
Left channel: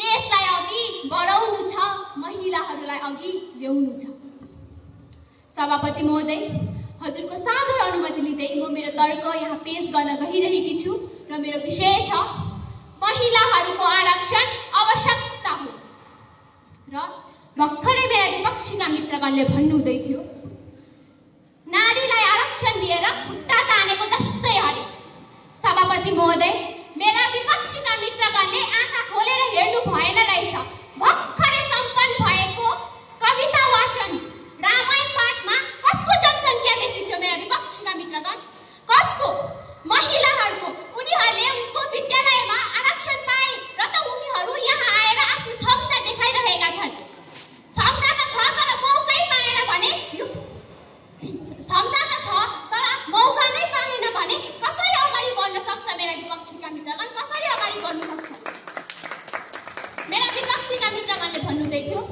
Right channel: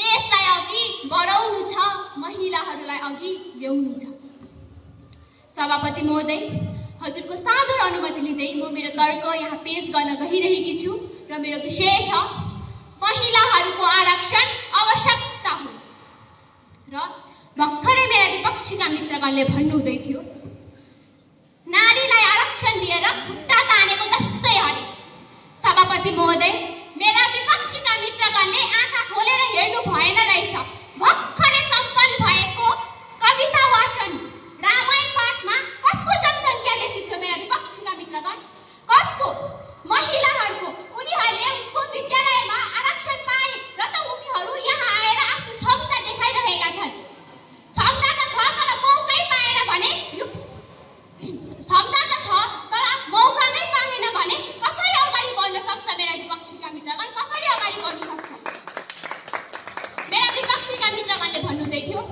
देशलाई अघि बढाउनु छ, महिलाहरूलाई अघि ल्याउनु छ। सभापति महोदय, हजुरको सादर अनुमति लिँदै म मेरो तर्क यहाँ पेश गर्न गइरहेकी छु र मेरो विषय छ महिलाहरूको आरक्षण आवश्यकता हो। र भर्खरै मेरा विपक्षीका मित्रगणले भन्नुहुँदै थियो नारीलाई आरक्षण दिएर खुट्टा तानेको जस्तै हरे। सभापति महोदय, मेरा विपक्षीका मित्रगणले आँखा खोलेर हेर्नु भएन रहेछ। भर्खरै सम्पन्न भएको कविता वाचन रामायण पाठमा कसको जनसङ्ख्या बेसी थियो मेरा विपक्षीका मित्रगण? कसको? महिलाहरूको। उनीहरूले उनको विद्यालयमा आरक्षण पाए र त उनीहरू यहाँ आएर आफ्नो क्षमता देखाइरहेका छन्। क्षमता त छ तर मौकै पाएन भने मौका नै पाएन भने कसरी अगाडि बढ्न सक्छ मेरा विपक्षीका मित्रगण? कसरी अगाडि बढ्न सक्छ? मेरा विपक्षीका मित्रगणले भन्नुहुँदै थियो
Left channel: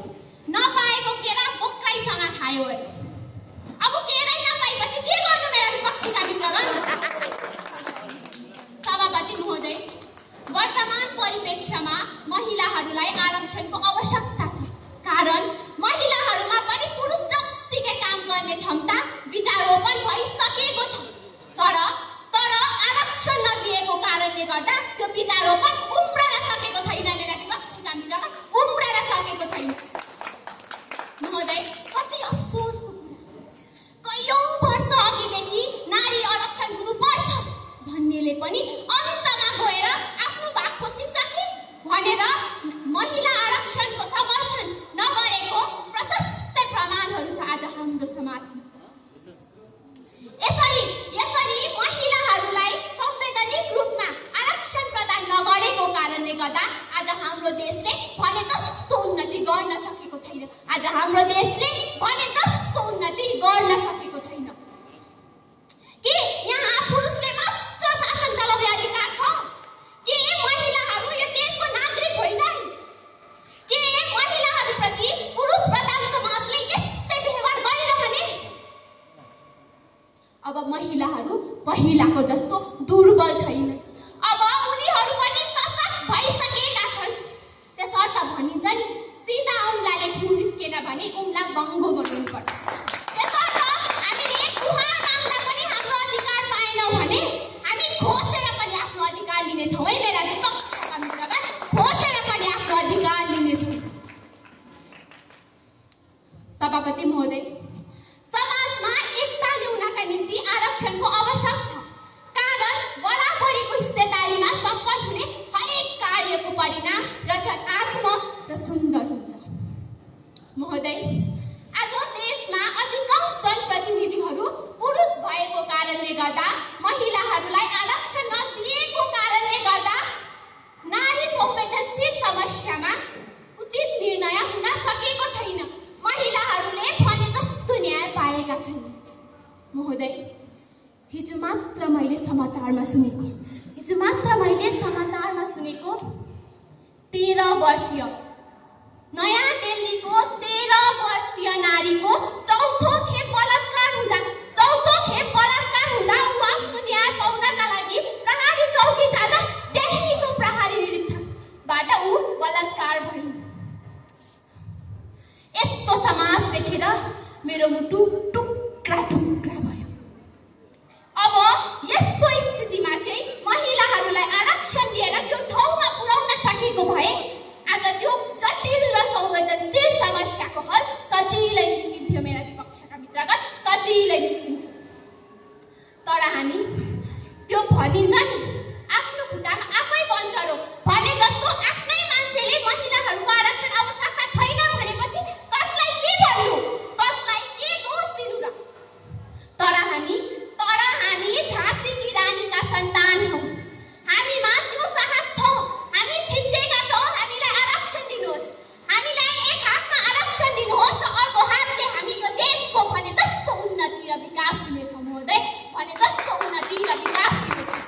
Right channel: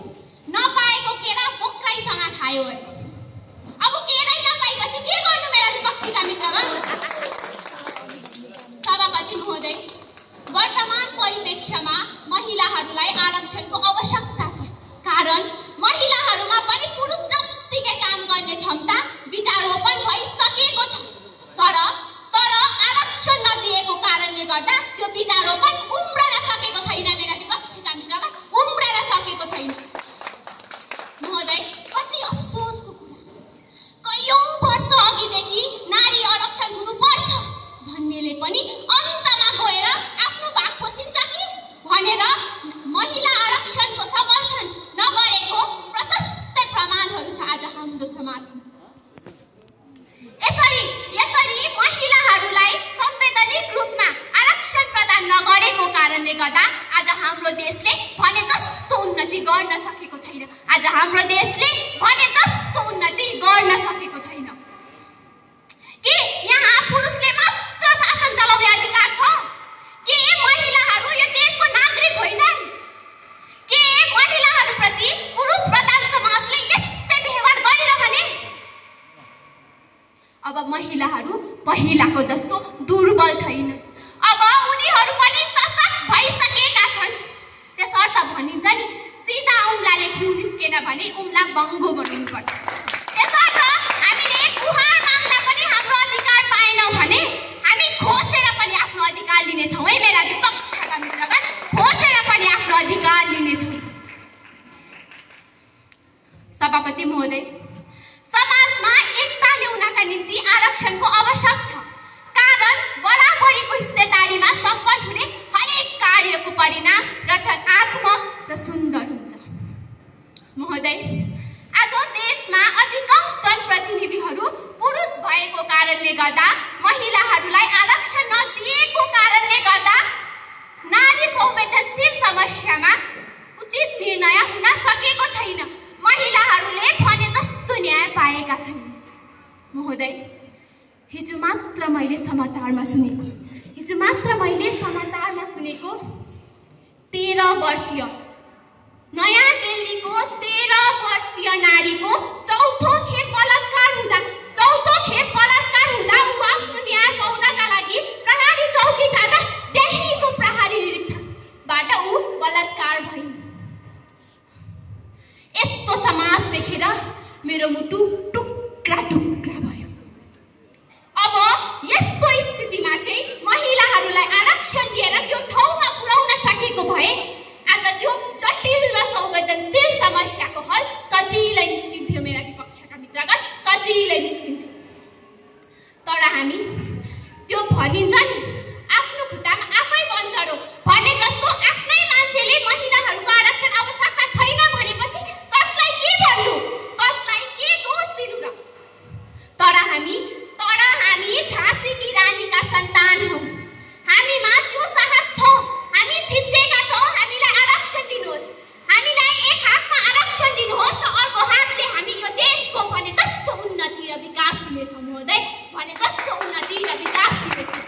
नपाएको केरा बोक्राइसँग खायो अरे। अब केरै नपाएपछि के गर्नु मेरा विपक्षीका मित्रगण? सभापति महोदय, वर्तमान परिप्रेक्ष्यमा महिलाहरूलाई आरक्षणको आवश्यकता छ। कारण महिलाहरूमा पनि पुरुष जत्तिकै काम गर्ने क्षमता विचारोपण भइसकेको छ। तर आरक्षण नदिएको कारणले गर्दा त्यो विचारोपण उम्रन सकेको छैन मेरा विपक्षीका मित्रगण, उम्रन सकेको छैन। महोदय, कति अफसोसको कुरा। कयौं वर्ष अघिदेखि नारी आरक्षण हुनुपर्छ भन्नेले पनि अन्तमा गएर आफ्नो भाग खोसिन्छ कि भनेर महिला आरक्षणको समर्थन नगरेको प्रशस्त प्रमाणहरू छ आज हाम्रो समाजमा। यसरी महिलाहरूलाई संवैधानिक रूपमा आरक्षण प्रदान नगरेको कारणले गर्दा आज हाम्रो देशले भने जस्तो उन्नति गर्न सकेको छैन। आज हाम्रो देशले भने जस्तो उन्नति गर्न सकेको छैन। के यहाँ पुरुषले मात्र शासन चलाउने अधिकार छ? के महिलाहरू यो देशको नागरिक होइनन्? के महिलाहरूप्रति पुरुष प्रधान समाजले यस्तै व्यवहार गरिरहने? अब महिला महिलाहरू पहिलाको जस्तो दुर्बल छैन। अब उनीहरू पनि सशक्त भइसकेका छन्। त्यसर्थ भनिन्छ नि, सिधा औँलाले घिउ निस्केन भने औँला बङ्गो बनाउनुपर्छ। त्यसर्थ हामीले गुहार माग्दा पनि हाम्रो अधिकार पाएनौँ भने हामी खोसेर पनि आफ्नो अधिकार लिनेछौँ है मेरा विपक्षका मित्रगण, खोसेर पनि आफ्नो अधिकार लिनेछौँ। सभापति महोदय, समाजमा एकता ल्याउनका निम्ति आरक्षणको आवश्यक छ। कारण बराबरीको हिस्सेदारीमा सम्पन्न हुने हरेक कार्यको परिणाम रचनात्मक र सुन्दर हुन्छ। महोदय, आज देशमा अधिकांश जनप्रतिनिधिहरू पुरुष भएको कारणले गर्दा, महिलाहरूलाई आरक्षण नदिएको कारणले गर्दा नारी संवेदनशील समस्यामा उचित निर्णय हुन सकेको छैन। महिलाहरूले भने जस्तो न्याय पाएका छैनन्। महोदय, हिजो मात्र मैले समाचारमा सुनेको 13 वर्षीय नयाँ दिल्लीको 13 वर्षीय नारीको चौथो खेप बलात्कार हुँदा ऊ आफ्नो न्याय पाउनका लागि प्रहरी चौकी जाँदा त्यहीँको प्रहरी निरीक्षकबाट ऊ बलात्कार भइन्। यस्तो समाज देखेर मेरो मुटु टुक्रा भयो। अब यस्तो स्थितिमा चाहिँ महिलाहरूलाई आरक्षण दिएर त्यो ठाउँमा पुर्याउन सकेको भए आज त्यो जटिल र संवेदनशील समस्याको हल सजिलै निस्किन्थ्यो मेरा विपक्षका मित्रगण, सजिलै निस्किन्थ्यो। तर हामी त्यो भनिन्छ नि, आफ्नो खुट्टामा आफै बन्चडो भने जस्तो आफ्नै मान्छेले महिलाहरूको आरक्षण आवश्यकता छैन भनेपछि कसलाई के भन्नु, कसलाई के दोष दिनु र? तर हामी झाँसीकी रानीका सन्तान हौँ। हामीमा त्यो साहस छ। हामी थिचेका छौँ, हामीलाई आरक्षण दिनुहोस्, हामीलाई एक हातमा आरक्षण दिनुहोस् र अर्को हातले हामी यो देशको भने जस्तो उन्नति र विकास दिनेछौँ। महोदय, भने जस्तो उन्नति र विकास दिनेछौँ।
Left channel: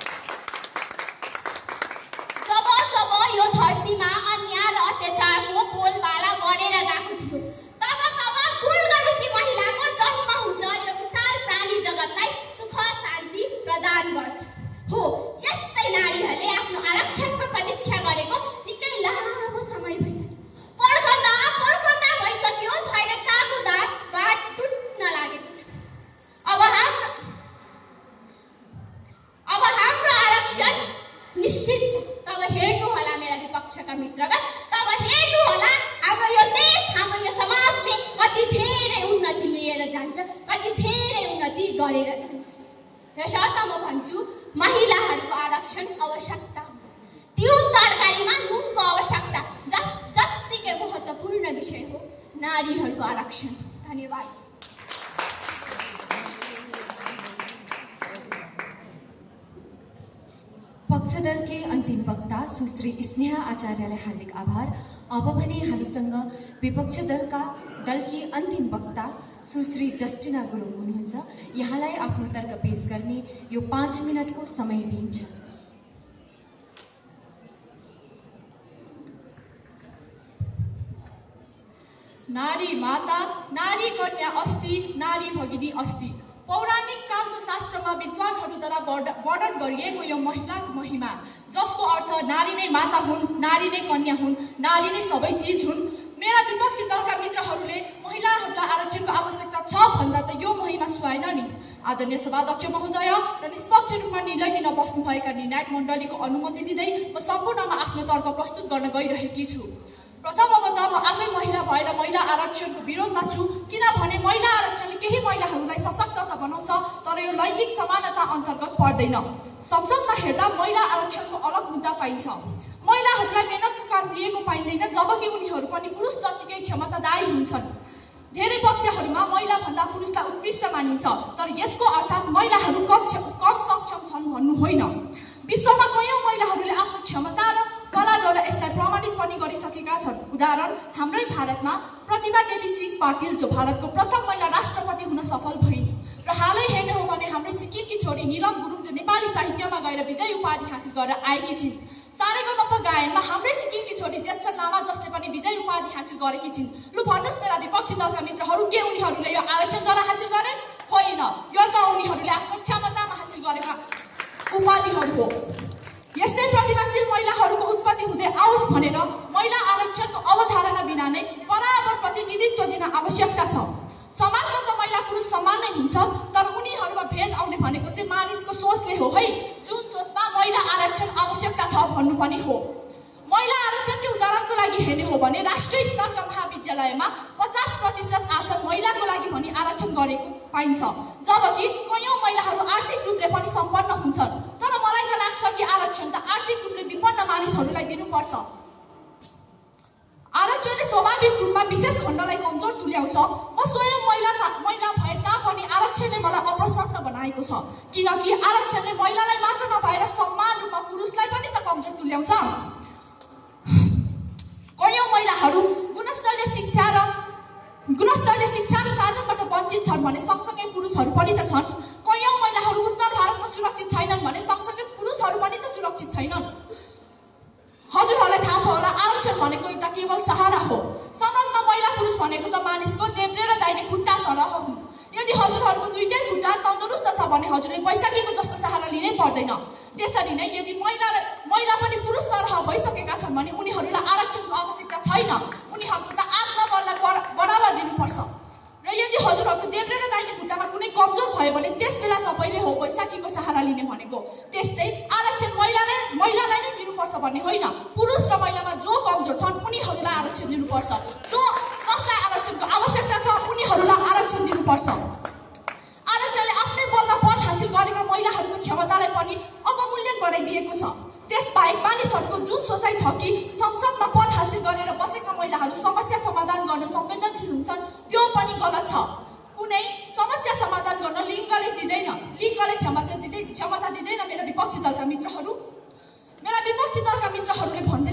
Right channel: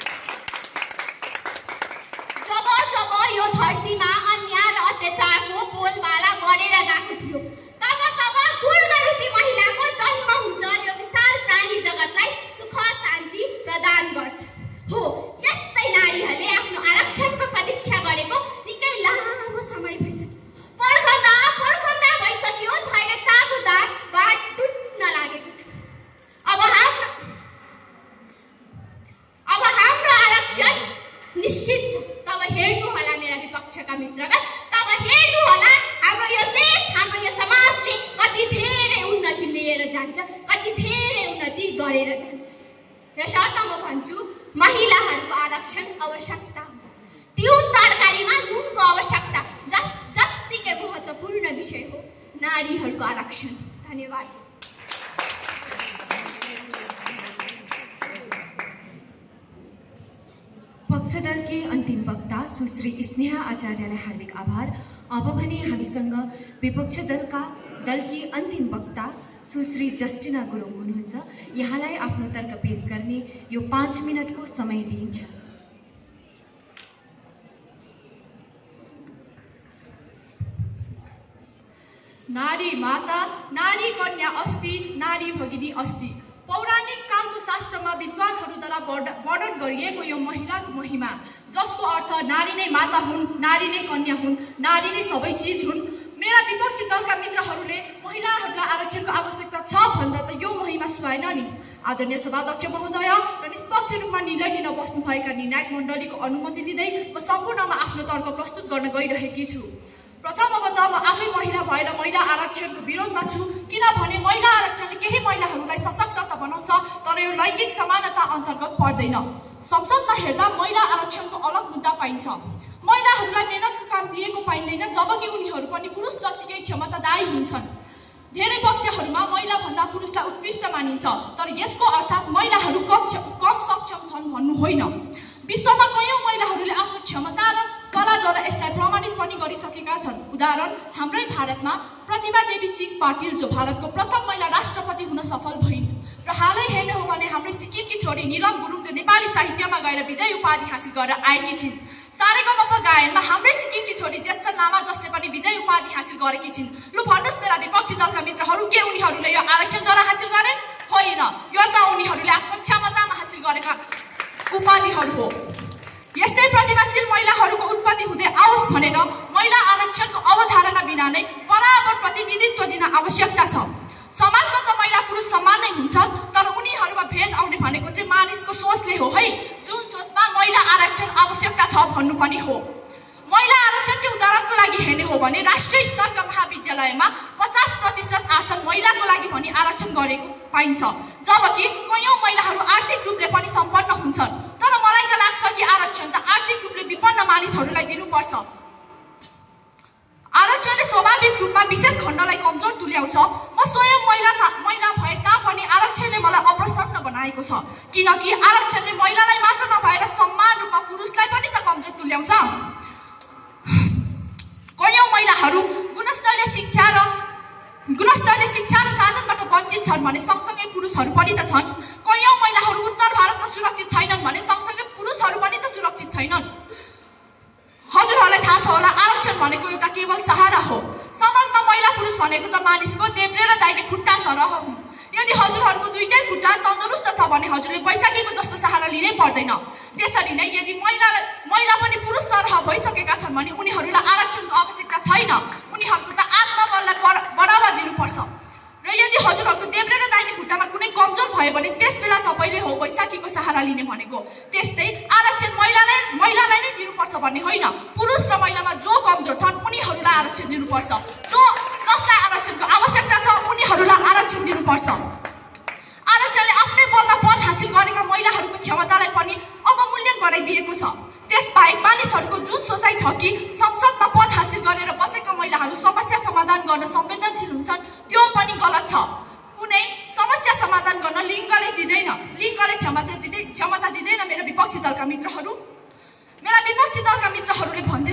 जब यो धरतीमा अन्याय र अत्याचारको बोलबाला बढेर गएको थियो, तब दुर्गारूपी महिलाको जन्म हुन्छ। यो विशाल प्राणी जगतलाई सुख शान्ति प्रदान गर्छ। हो, यस्तै नारीहरूले आफ्नो आरक्षणको प्रतीक्षा गरेको निकै लामो समय भइसक्यो। पर्खँदा भइसक्यो, धैर्यताको बाट टुट्न लागेको छ। अब हाम्रो आरक्षण निश्चित छ। तब हेर्नु होला मेरा विपक्षका मित्रगण, तब हेर्नु होला हाम्रो यो देश, हाम्रो यो समाजले कति धेरै उन्नति लिएर जान्छ, कति धेरै उन्नति गरेर जान्छ। यसर्थ म भन्छु, महिलाहरूको आरक्षण आवश्यकता, त्यो तरकारीमा नुनको आवश्यकता जत्तिकै महत्त्वपूर्ण विषय हो नारीहरूको आरक्षण। धन्यवाद। पक्षदलकी अन्तिम वक्ता सुश्री स्नेहा आचार्यलाई हार्दिक आभार। अब भने हामीसँग विपक्ष दलकी अन्तिम वक्ता सुश्री जस्टिना गुरुङ हुनुहुन्छ। यहाँलाई आफ्नो तर्क पेश गर्ने यो 5 मिनटको समय दिइन्छ। नारी माता, नारी कन्या अस्ति, नारी भगिनी अस्ति। पौराणिक कालको शास्त्रमा विद्वानहरूद्वारा वर्णन गरिएको यो महिलाको महिमा, जसको अर्थ नारी नै माता हुन्, नारी नै कन्या हुन्, नारी नै सबै चिज हुन्। मेरा विपक्षी दलका मित्रहरूले महिलाहरूलाई आरक्षणको आवश्यकता छ भन्दा त यो महिमा सुहाएन नि। आदरणीय सभाध्यक्ष महोदय र निष्पक्ष रूपमा निर्णय लिन बस्नुभएका निर्णायक मण्डलीको अनुमति लिँदै म सम्पूर्णमा आफ्नो तर्क प्रस्तुत गर्न गइरहेकी छु। प्रथमतः म आफै महिला भएर महिला आरक्षणको विरोधमा छु, किनभने महिला आरक्षणले केही महिलाहरूलाई सशक्त त बनाउँछ, तर यो लैङ्गिक समानता अन्तर्गत पर्दैन। संसदमा हेर्दा महिला आरक्षणको अलग मुद्दा पाइन्छ। महिलाहरूलाई मेहनतको काम दिएको पाइँदैन, जबकि उनीहरू पनि पुरुष जत्तिकै क्षमतादायी हुन्छन्। धेरै पक्षहरूमा महिलाभन्दा पुरुषलाई उत्कृष्ट मानिन्छ, तर यसको अर्थ महिलाहरू कम सक्षम छन् भन्नु होइन। विश्वमा कयौं महिलाहरूले आफ्नो क्षमता र कलाद्वारा यसलाई प्रमाणित पनि गरिसकेका छन्। उदाहरण हाम्रै भारतमा प्रतिभा देवी सिंह पाटिल, जो भारतको प्रथम महिला राष्ट्रपति हुन सफल भइन्। र हालै हेर्ने हो भने हाम्रै सिक्किमकी छोरी निलम गुरुङ, जो नेपाली साहित्यमा गएर विजय उपाधि हासिल गरेर आएकी छिन्। सारेगमप गायनमा हाम्रै सिक्किमकी छोरी ज्येष्ठ लामा, जसले पनि विजय उपाधि हासिल गरेकी छिन्। लु भन्नुहोस् मेरा विपक्षी दलका मित्रहरू, के उनीहरूले यो आरक्षणद्वारा हासिल गरे? होइन। होइन, यो त उनीहरूले आफ्नो क्षमतामा हासिल गरेका उपाधिहरू हो। यस्तै प्रतिभाशील महिलाहरूको उत्पत्ति हुँदै आओस् भनेर महिला आरक्षणको अवधारणा बिना नै बराबर प्रतिनिधित्व दिन आवश्यकता छ। समाजमा त महिला पुरुष समान नै हुन्छ, तर उनीहरूमा भेद आउने भनेको चाहिँ मानिसको सोचले हो है, जुन सोचमा महिला आरक्षण आवश्यकता छ भन्नु पनि हो। महिला आरक्षणको उदाहरणको लागि हेर्ने हो भने राष्ट्रिय स्तरका महाविद्यालयमा 50% आसन महिलाको लागि भनी आरक्षण गरेको पाइन्छ, जबकि कयौं महिलाहरू आर्थिक रूपले पनि सम्पन्न हुन्छन्। तर मलाई त लाग्छ कि आरक्षण त आर्थिक रूपले विपन्न मानिसहरूलाई दिनुपर्छ। आरक्षणले स्वाभाविक रूपमा विशेष खण्डलाई कमजोर तुल्याउँछ। म स्वयं महिला भए तापनि आरक्षणले मलाई अप्रसन्न बनाएको छ, किनकि आरक्षणले महिलालाई मात्र नभएर समान रूपमा पुरुषलाई पनि त कमजोर तुल्याउँछ। कयौं महिलाहरू गुणस्तरीय शिक्षा र साधनबाट वञ्चित छन् भने सँगसँगै पुरुषहरू पनि त छन्। कयौं महिलाहरू उत्तर भारतमा सुरक्षित छैनन् भने सँगसँगै पुरुषहरू पनि त सुरक्षित छैनन्। हजुरहरूलाई थाहा छ होला, आरक्षण भनेको एउटा केवल सहारा हो। समाजमा महिला पुरुष भनेको त मानिसको देब्रे र दाहिने खुट्टा सरह हुन्। यदि हजुरहरूको दुईटै खुट्टा तन्दुरुस्त छ भने हजुरले बैशाखीको जस्तो सहारा लिनै पर्दैन। त्यसरी नै यदि महिला पनि पुरुष सरह भइसकेका छन् भने उनीहरूलाई आरक्षणको आवश्यकता छैन। उनीहरूको त आत्मबललाई बढावा दिनुपर्छ। र यदि हजुरहरूको देब्रे र दाहिने खुट्टामा कुनै कमजोर भयो भने त्यसबेला तपाईँले हो बैशाखीको सहारा लिने भनेको। त्यस्तै आरक्षण महिलालाई नै दिनुपर्छ भन्ने होइन, पुरुष र महिलामा जो कमजोर छन् उनीहरूलाई आरक्षण दिनुपर्छ। जसलाई आरक्षणको आवश्यकता छ उनीहरूलाई आरक्षण दिनुपर्छ। आरक्षणले आफ्नै बलमा पद हासिल गरेका महिलाहरूको क्षमतालाई पनि अवमूल्यन बनाइदिएको छ। त्यसबाहेक मानिसहरूको जुन सोचाइ छ कि संसदमा पद हासिल गरेर बसेका महिलाहरू समस्या समाधान गर्न संवेदनशील हुन्छन्, त्यो पनि गलत छ। कुनै समस्या समाधान गर्न लिङ्गले दिँदैन, लिङ्गले क्षमता दिँदैन। मेरा विपक्षी दलका मित्रहरूले भन्दै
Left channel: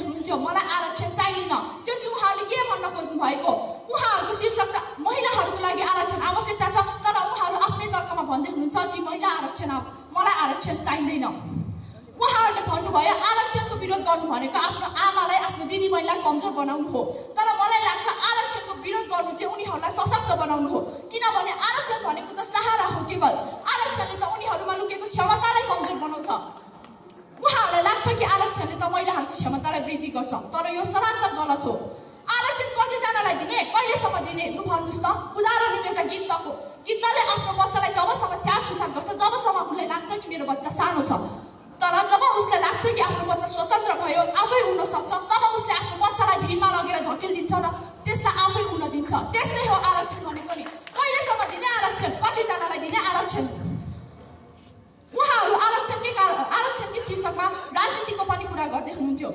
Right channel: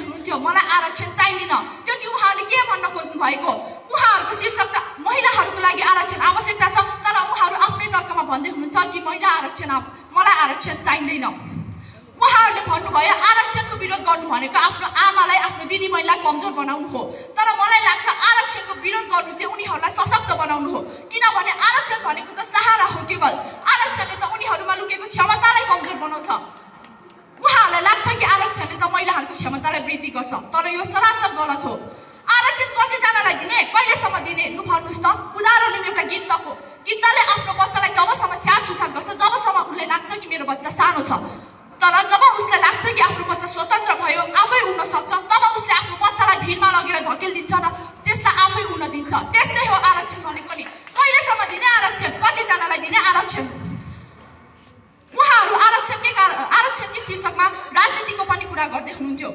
हुनुहुन्थ्यो मलाई आरक्षण चाहिँदैन। त्यो चाहिँ उहाँहरूले के भन्न खोज्नु भएको? उहाँहरूको शीर्षक छ महिलाहरूको लागि आरक्षण आवश्यकता छ, तर उहाँहरू आफ्नै तर्कमा भन्दै हुनुहुन्छ कि मलाई आरक्षण चाहिँदैन। उहाँहरूले भन्नुभयो आरक्षणको विरोध गर्नु भनेको आफ्नो आमालाई, आफ्नो दिदी बहिनीलाई कमजोर बनाउनु हो। तर मलाई लाग्छ आरक्षणको विरोध गर्नु चाहिँ उनीहरूलाई सशक्त बनाउनु हो, किनभने आरक्षण भनेको त सहारा हो केवल। आरक्षणले त उनीहरूमा लुकेको क्षमतालाई कमजोर बनाउँछ। उहाँहरूलाई लाग्छ कि आरक्षणले त महिलाहरूको क्षमतालाई वृद्धि गर्छ, तर यो सरासर गलत हो। आरक्षण कतिजनालाई दिने, कहिलेसम्म दिने? लु भन्नुहोस् त। उदाहरण एउटा गिद्धले आफ्नो बच्चालाई तबसम्म स्याहार सुसार गर्छ जबसम्म उसलाई लाग्छ कि मेरो बच्चा सानो छ। तर जब उसलाई लाग्छ कि आफ्नो बच्चा स्वतन्त्र भयो, आफै उड्न सक्छ, तब उसले आफ्नो बच्चालाई भिरमा लगेर धकेलिदिन्छ र त्यसलाई आफै उड्न दिन्छ। त्यस्तै हो आरक्षण भनेको नि। कहिलेसम्म दिने आरक्षण? कतिजनालाई दिने आरक्षण? उहाँहरू आरक्षणकै शीर्षकमा राजनीतिको पनि कुरा गर्दै हुनुहुन्थ्यो।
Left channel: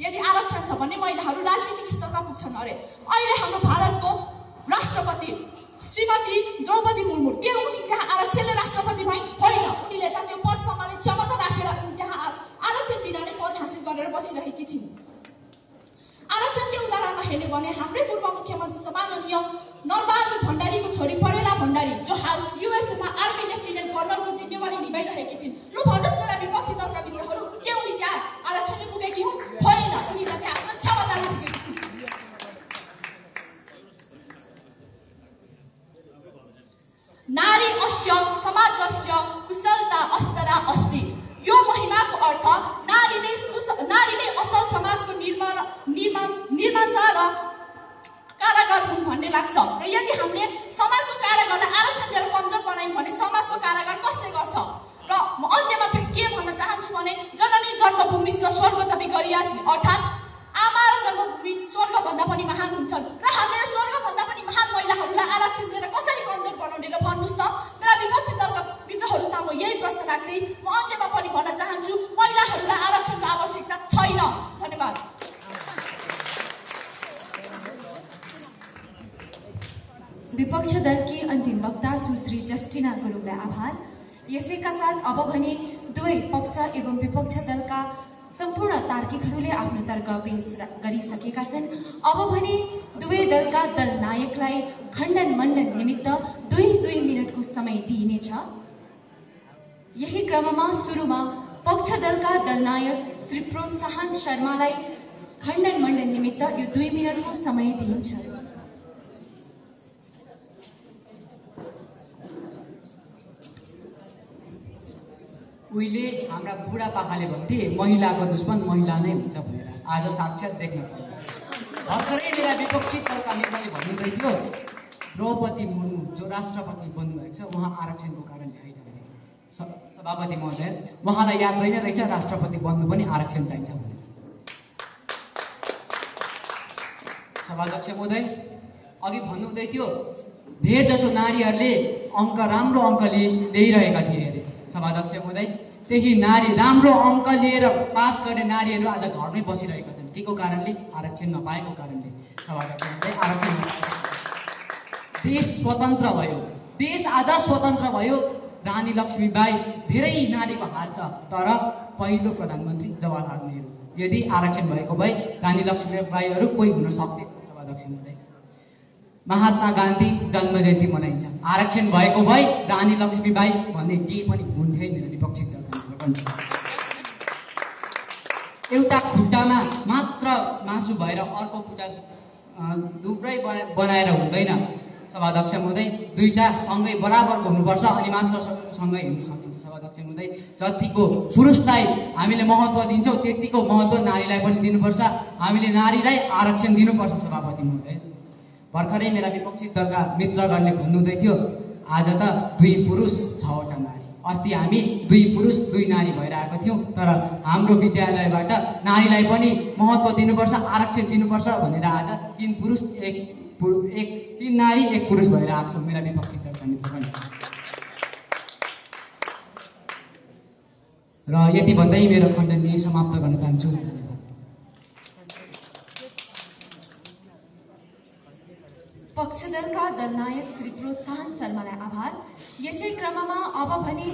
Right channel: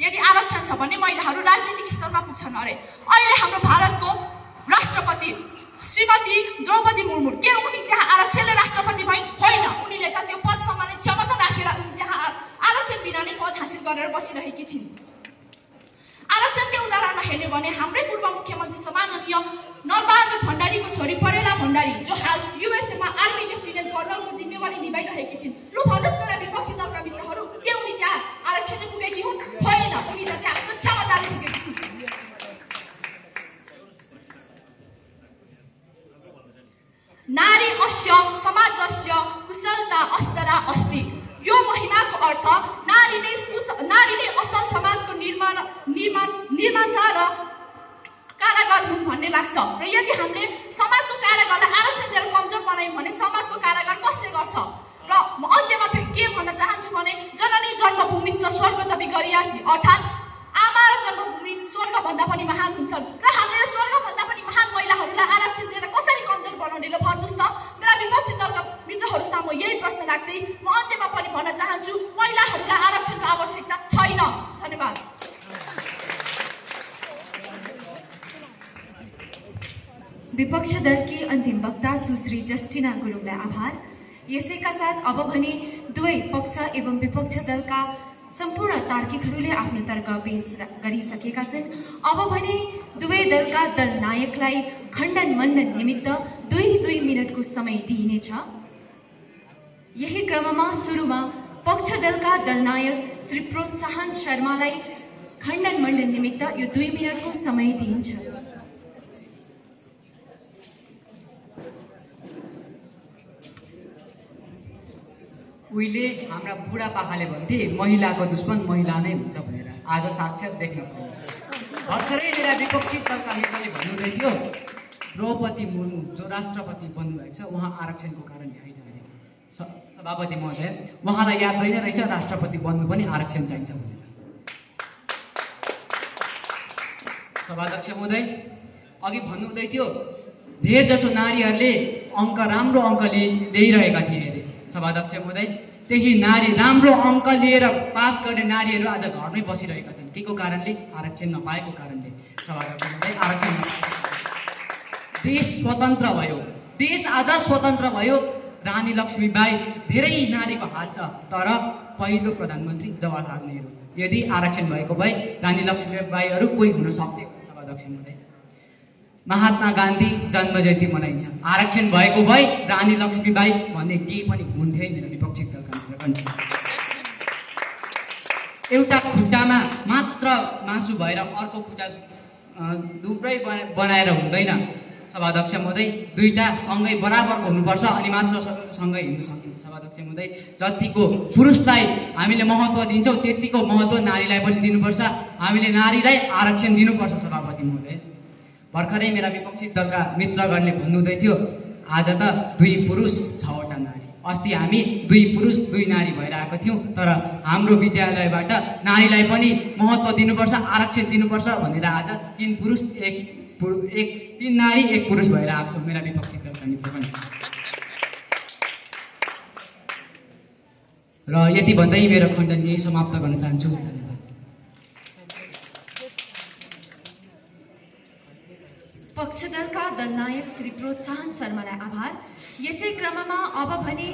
यदि आरक्षण छ भने महिलाहरू राजनीतिक स्तरमा पुग्छन् अरे। अहिले हाम्रो भारतको राष्ट्रपति श्रीमती द्रौपदी मुर्मू, के उनी त्यहाँ आरक्षणले राष्ट्रपति भइन्? होइन, उनीले त त्यो पद सम्हाल्ने क्षमता राखेर उनी त्यहाँ आरक्षण बिना नै पद हासिल गरेर बसिरहेकी छिन्। आरक्षणकै उदाहरणमा हेर्ने भने हाम्रै पूर्व मुख्यमन्त्री सम्माननीय नरबहादुर भण्डारीको छोरी परेला भण्डारी, जो हाल युएसएमा आर्मी लेफ्टिनेन्ट कर्नलको जिम्मेवारी निभाइरहेकी छिन्। लु भन्नुहोस् मेरा विपक्षी दलका मित्रहरू, के उनी त्यहाँ आरक्षणले पुगेकी हुन्? होइन, उनी त त्यहाँ आफ्नो क्षमताले पुगेकी हुन्। नारी अस्य समाजस्य कुशलता अस्तरा अस्ति। यो महिमाको अर्थ नारी नै असल समाजको निर्माता र कारागार हुन् भन्ने लाग्छ। र यदि हामीले समाजको कारागारलाई आरक्षण दिएर कमजोर बनायौँ भने समाजको कारागार कसले गर्छ? र म अन्त्यमा फेरि के भन्न चाहन्छु भने जननी जन्मभूमि स्वर्ग तपि गरियासी, अर्थात् आमा र जन्मभूमि स्वर्गभन्दा पनि महान हुन्छन्। र हामीले स्वर्गभन्दा पनि महान महिलाहरूलाई आरक्षण दिएर कसरी कमजोर बनाउने? ल भन्नुहोस् त। मेरा विपक्षी दलका मित्रहरू सामु यही प्रश्न राख्दै म अन्त्यमा पनि भन्न चाहन्छु महिलाहरूलाई आरक्षणको आवश्यकता छैन। धन्यवाद। विपक्ष दलकी अन्तिम वक्ता सुश्री जस्टिना गुरुङलाई आभार। यसैका साथ अब भने दुवै पक्ष एवं विपक्ष दलका सम्पूर्ण तार्किकहरूले आफ्नो तर्क पेश गरिसकेका छन्। अब भने दुवै दलका दल नायकलाई खण्डन मण्डन निमित्त 2 मिनटको समय दिइनेछ। यही क्रममा सुरुमा पक्ष दलका दल नायक श्री प्रोत्साहन शर्मालाई खण्डन मण्डन निमित्त यो 2 मिनटको समय दिइन्छ। उहिले हाम्रा बुढापाकाले भन्थे महिलाको दुश्मन महिला नै हुन्छ भनेर। आज साक्षात देख्न पाइयो। भर्खरै मेरा विपक्षी दलका नेताले भन्नुहुँदै थियो द्रौपदी मुर्मू जो राष्ट्रपति बन्नुभएको छ उहाँ आरक्षणको कारणले होइन भने। सभापति महोदय, उहाँलाई याद होइन रहेछ राष्ट्रपति बन्नु पनि आरक्षण चाहिन्छ भनेर। सभाध्यक्ष महोदय, अघि भन्नुहुँदै थियो धेर जसो नारीहरूले राम्रो अङ्क ल्याइरहेका थिए अरे। सभाध्यक्ष महोदय, त्यही नारी राम्रो अङ्क लिएर पास गर्ने नारीहरू आज घरमै बसिरहेका छन्। के को कारणले? आरक्षण नपाएको कारणले। सभाध्यक्ष महोदय, आरक्षण देश स्वतन्त्र भयो, देश आज स्वतन्त्र भयो। रानी लक्ष्मीबाई धेरै नारीको हात छ, तर पहिलो प्रधानमन्त्री जवाहरलाल नेहरू। यदि आरक्षण भएको भए रानी लक्ष्मीबाईहरू कोही हुन सक्थे। सभाध्यक्ष महोदय, महात्मा गान्धी जन्म जयन्ती मनाइन्छ। आरक्षण भएको भए रानी लक्ष्मीबाई भन्ने केही पनि हुन्थ्यो मेरो विपक्षी दलका पनि। एउटा खुट्टामा मात्र मासु भएर अर्को खुट्टा दुब्रै बनाएर हुँदैन। सभाध्यक्ष महोदय, दुईटा सँगै बराबरको हुनुपर्छ अनि मात्र सँगै हिँड्न सकिन्छ। सभाध्यक्ष महोदय, जतिको पुरुषलाई हामीले महत्त्व दिन्छौँ त्यतिको महत्त्व नारीलाई पनि दिनुपर्छ। हामीले नारीलाई आरक्षण दिनुपर्छ। सभापति महोदय, भर्खरै मेरा विपक्षी दलका मित्रगणले भन्नुहुँदै थियो आज त 2 पुरुष 6वटा नारी। अस्ति हामी 2 पुरुष 2 नारी भएर आएको थियौँ, तर हाम्रो विद्यालयबाट नारीलाई पनि महत्त्व दिनुपर्छ, आरक्षण दिनुपर्छ भनेर आज 3 पुरुष 3 नारी 1 पुरुष भएर आएको छौँ मेरा विपक्षी दलका मित्रगण। र यति भन्दै मेरो खण्डन यही समाप्त गर्न चाहन्छु। पक्षदलका दलनायक श्री प्रोत्साहन शर्मालाई आभार। यसै क्रममा अब भने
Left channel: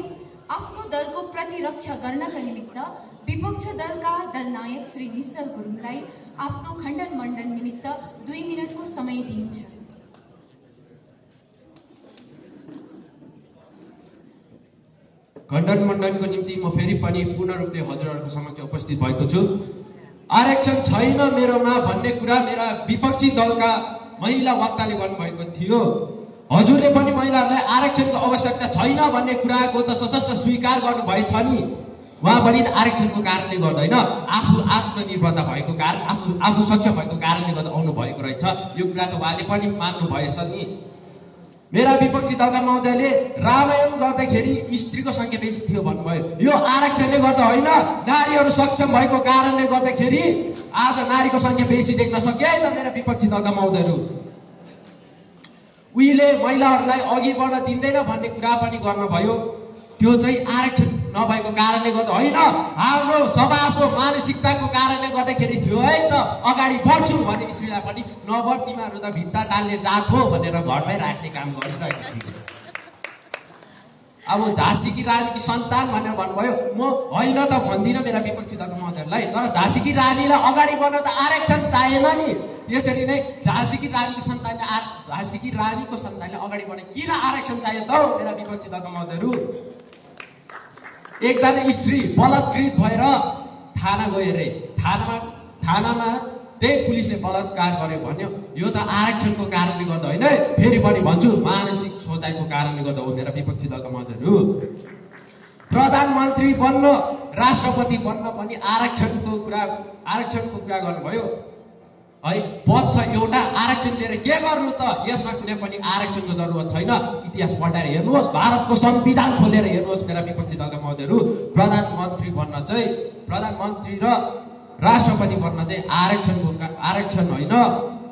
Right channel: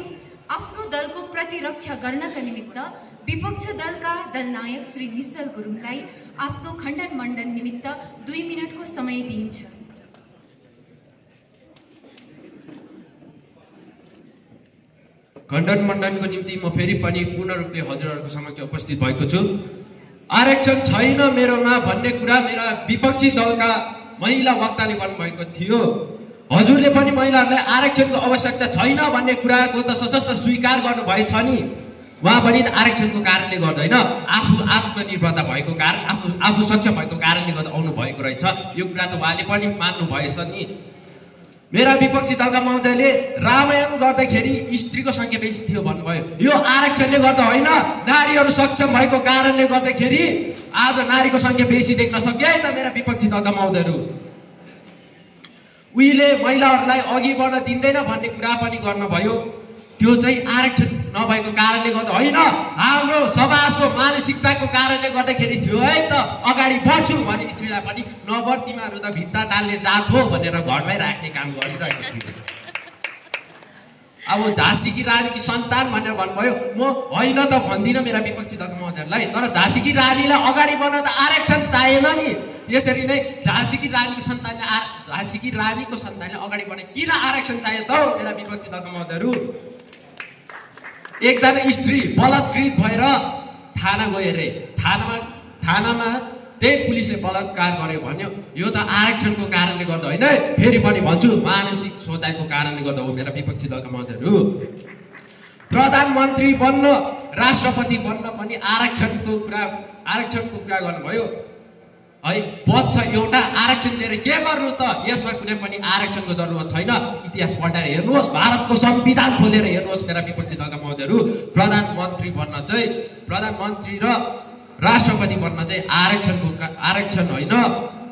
आफ्नो दलको प्रतिरक्षा गर्नका निमित्त विपक्ष दलका दलनायक श्री निश्चल गुरुङलाई आफ्नो खण्डन मण्डन निमित्त 2 मिनटको समय दिइन्छ। खण्डन मण्डनको निम्ति म फेरि पनि पूर्ण रूपले हजुरहरूको समक्ष उपस्थित भएको छु। आरक्षण छैन मेरोमा भन्ने कुरा मेरा विपक्षी दलका महिला वक्ताले गर्नुभएको थियो। हजुरले पनि महिलाहरूलाई आरक्षणको आवश्यकता छैन भन्ने कुराको त सशक्त स्वीकार गर्नुभएछ नि। उहाँ पनि आरक्षणको कारणले गर्दा होइन, आफू आत्मनिर्भरता भएको कारण आफू सक्षम भएको कारणले गर्दा आउनु भएको रहेछ। यो कुरा त उहाँले पनि मान्नु भएछ नि। मेरा विपक्षी दलका महोदयले रामायण गर्दाखेरि स्त्रीको संख्या बेसी थियो भन्नुभयो। यो आरक्षणले गर्दा होइन, नारीहरू सक्षम भएको कारणले गर्दाखेरि आज नारीको संख्या बेसी देख्न सकियो है त मेरा विपक्षी दलका महोदयहरू। उहिले महिलाहरूलाई अघि बढ्न दिँदैन भन्ने कुरा पनि गर्नुभयो। त्यो चाहिँ आरक्षण नभएको कारणले गर्दा होइन, हाम्रो समाजको मानसिकताको कारणले गर्दाखेरि थियो है त। अगाडि बढ्छु भने स्त्रीलाई पनि नबढ, तिमीहरू त भित्ता टाल्ने जात हो भनेर घरमै राख्ने काम गरिरहेको थियो। अब झाँसीकी रानीकी सन्तान भनेर भन्नुभयो। म होइन त भन्दिनँ मेरा विपक्षी दलका महोदयहरूलाई, तर झाँसीकी रानीलाई अगाडि बढ्न त आरक्षण चाहिएन नि। यसरी नै झाँसीकी रानीको सन्तानले अगाडि बढ्ने किन आरक्षण चाहियो त मेरा विपक्षी दलका महोदयहरू? एकजना स्त्री बलात्कृत भएर थाना गयो अरे। थानामा त्यही पुलिसले बलात्कार गर्यो भन्यो। यो त आरक्षणको कारणले गर्दा होइन, फेरि पनि भन्छु मानसिक सोचाइको कारणले गर्दा हो मेरा विपक्षी दलका महोदयहरू। प्रधानमन्त्री बन्न राष्ट्रपति बन्न पनि आरक्षणको कुरा गर्नुभयो है। पद छ एउटा, आरक्षण लिएर के गर्नु त? यसमा कुनै पनि आरक्षणको जरुरत छैन। इतिहास पल्टाएर हेर्नुहोस्, भारतको संविधान खोलेर हेर्नुहोस् मेरा विपक्षी दलका महोदयहरू। प्रधानमन्त्री र राष्ट्रपति बन्न चाहिँ आरक्षण होइन,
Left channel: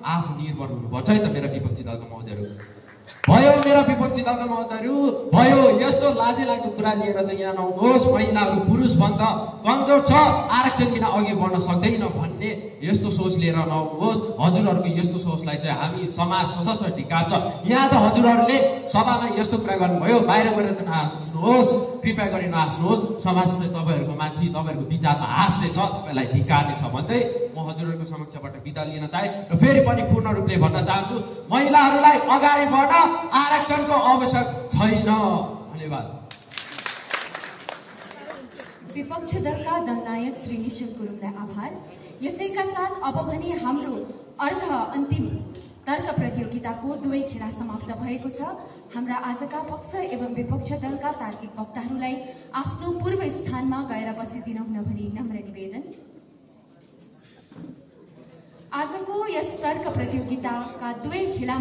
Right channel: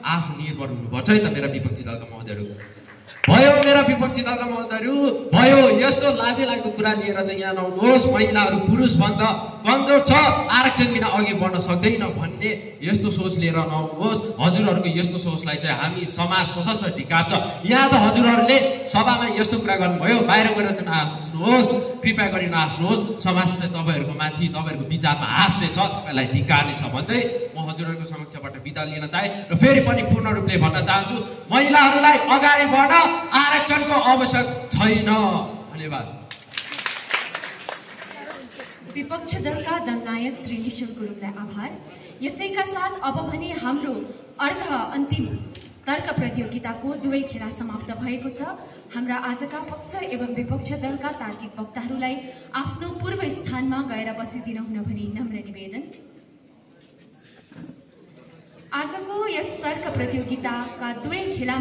आत्मनिर्भर हुनुपर्छ है त मेरा विपक्षी दलका महोदयहरू। भयो मेरा विपक्षी दलका महोदयहरू, भयो यस्तो लाजे लाग्दो कुरा लिएर चाहिँ यहाँ नआउनुहोस्। महिलाहरू पुरुषभन्दा कमजोर छ, आरक्षण बिना अघि बढ्न सक्दैन भन्ने यस्तो सोच लिएर नआउनुहोस्। हजुरहरूको यस्तो सोचलाई चाहिँ हामी समाज सशस्त्र धिक्कार छ। यहाँ त हजुरहरूले सभामा यस्तो कुरा गर्नुभयो, बाहिर गएर चाहिँ नहाँस्नुहोस्, कृपया गरी नहाँस्नुहोस्। समाज चाहिँ तपाईँहरूको माथि तपाईँहरूको विचारमा हाँस्ने छ, तपाईँलाई धिक्कार्ने छ भन्दै म हजुरहरूको समक्षबाट बिदा लिन चाहे र फेरि पनि पूर्ण रूपले भन्न चाहन्छु, महिलाहरूलाई अगाडि बढ्न आरक्षणको आवश्यक छैन। धन्यवाद। विपक्ष दलका दलनायक श्री निश्चल गुरुङलाई आभार। यसैका साथ अब भने हाम्रो अन्तिम तर्क प्रतियोगिताको दुवै खेला समाप्त भएको छ। हाम्रा आजका पक्ष एवं विपक्ष दलका तार्किक वक्ताहरूलाई आफ्नो पूर्व स्थानमा गएर बसिदिन हुन भनी नम्र निवेदन। आजको यस तर्क प्रतियोगिताका दुवै खेला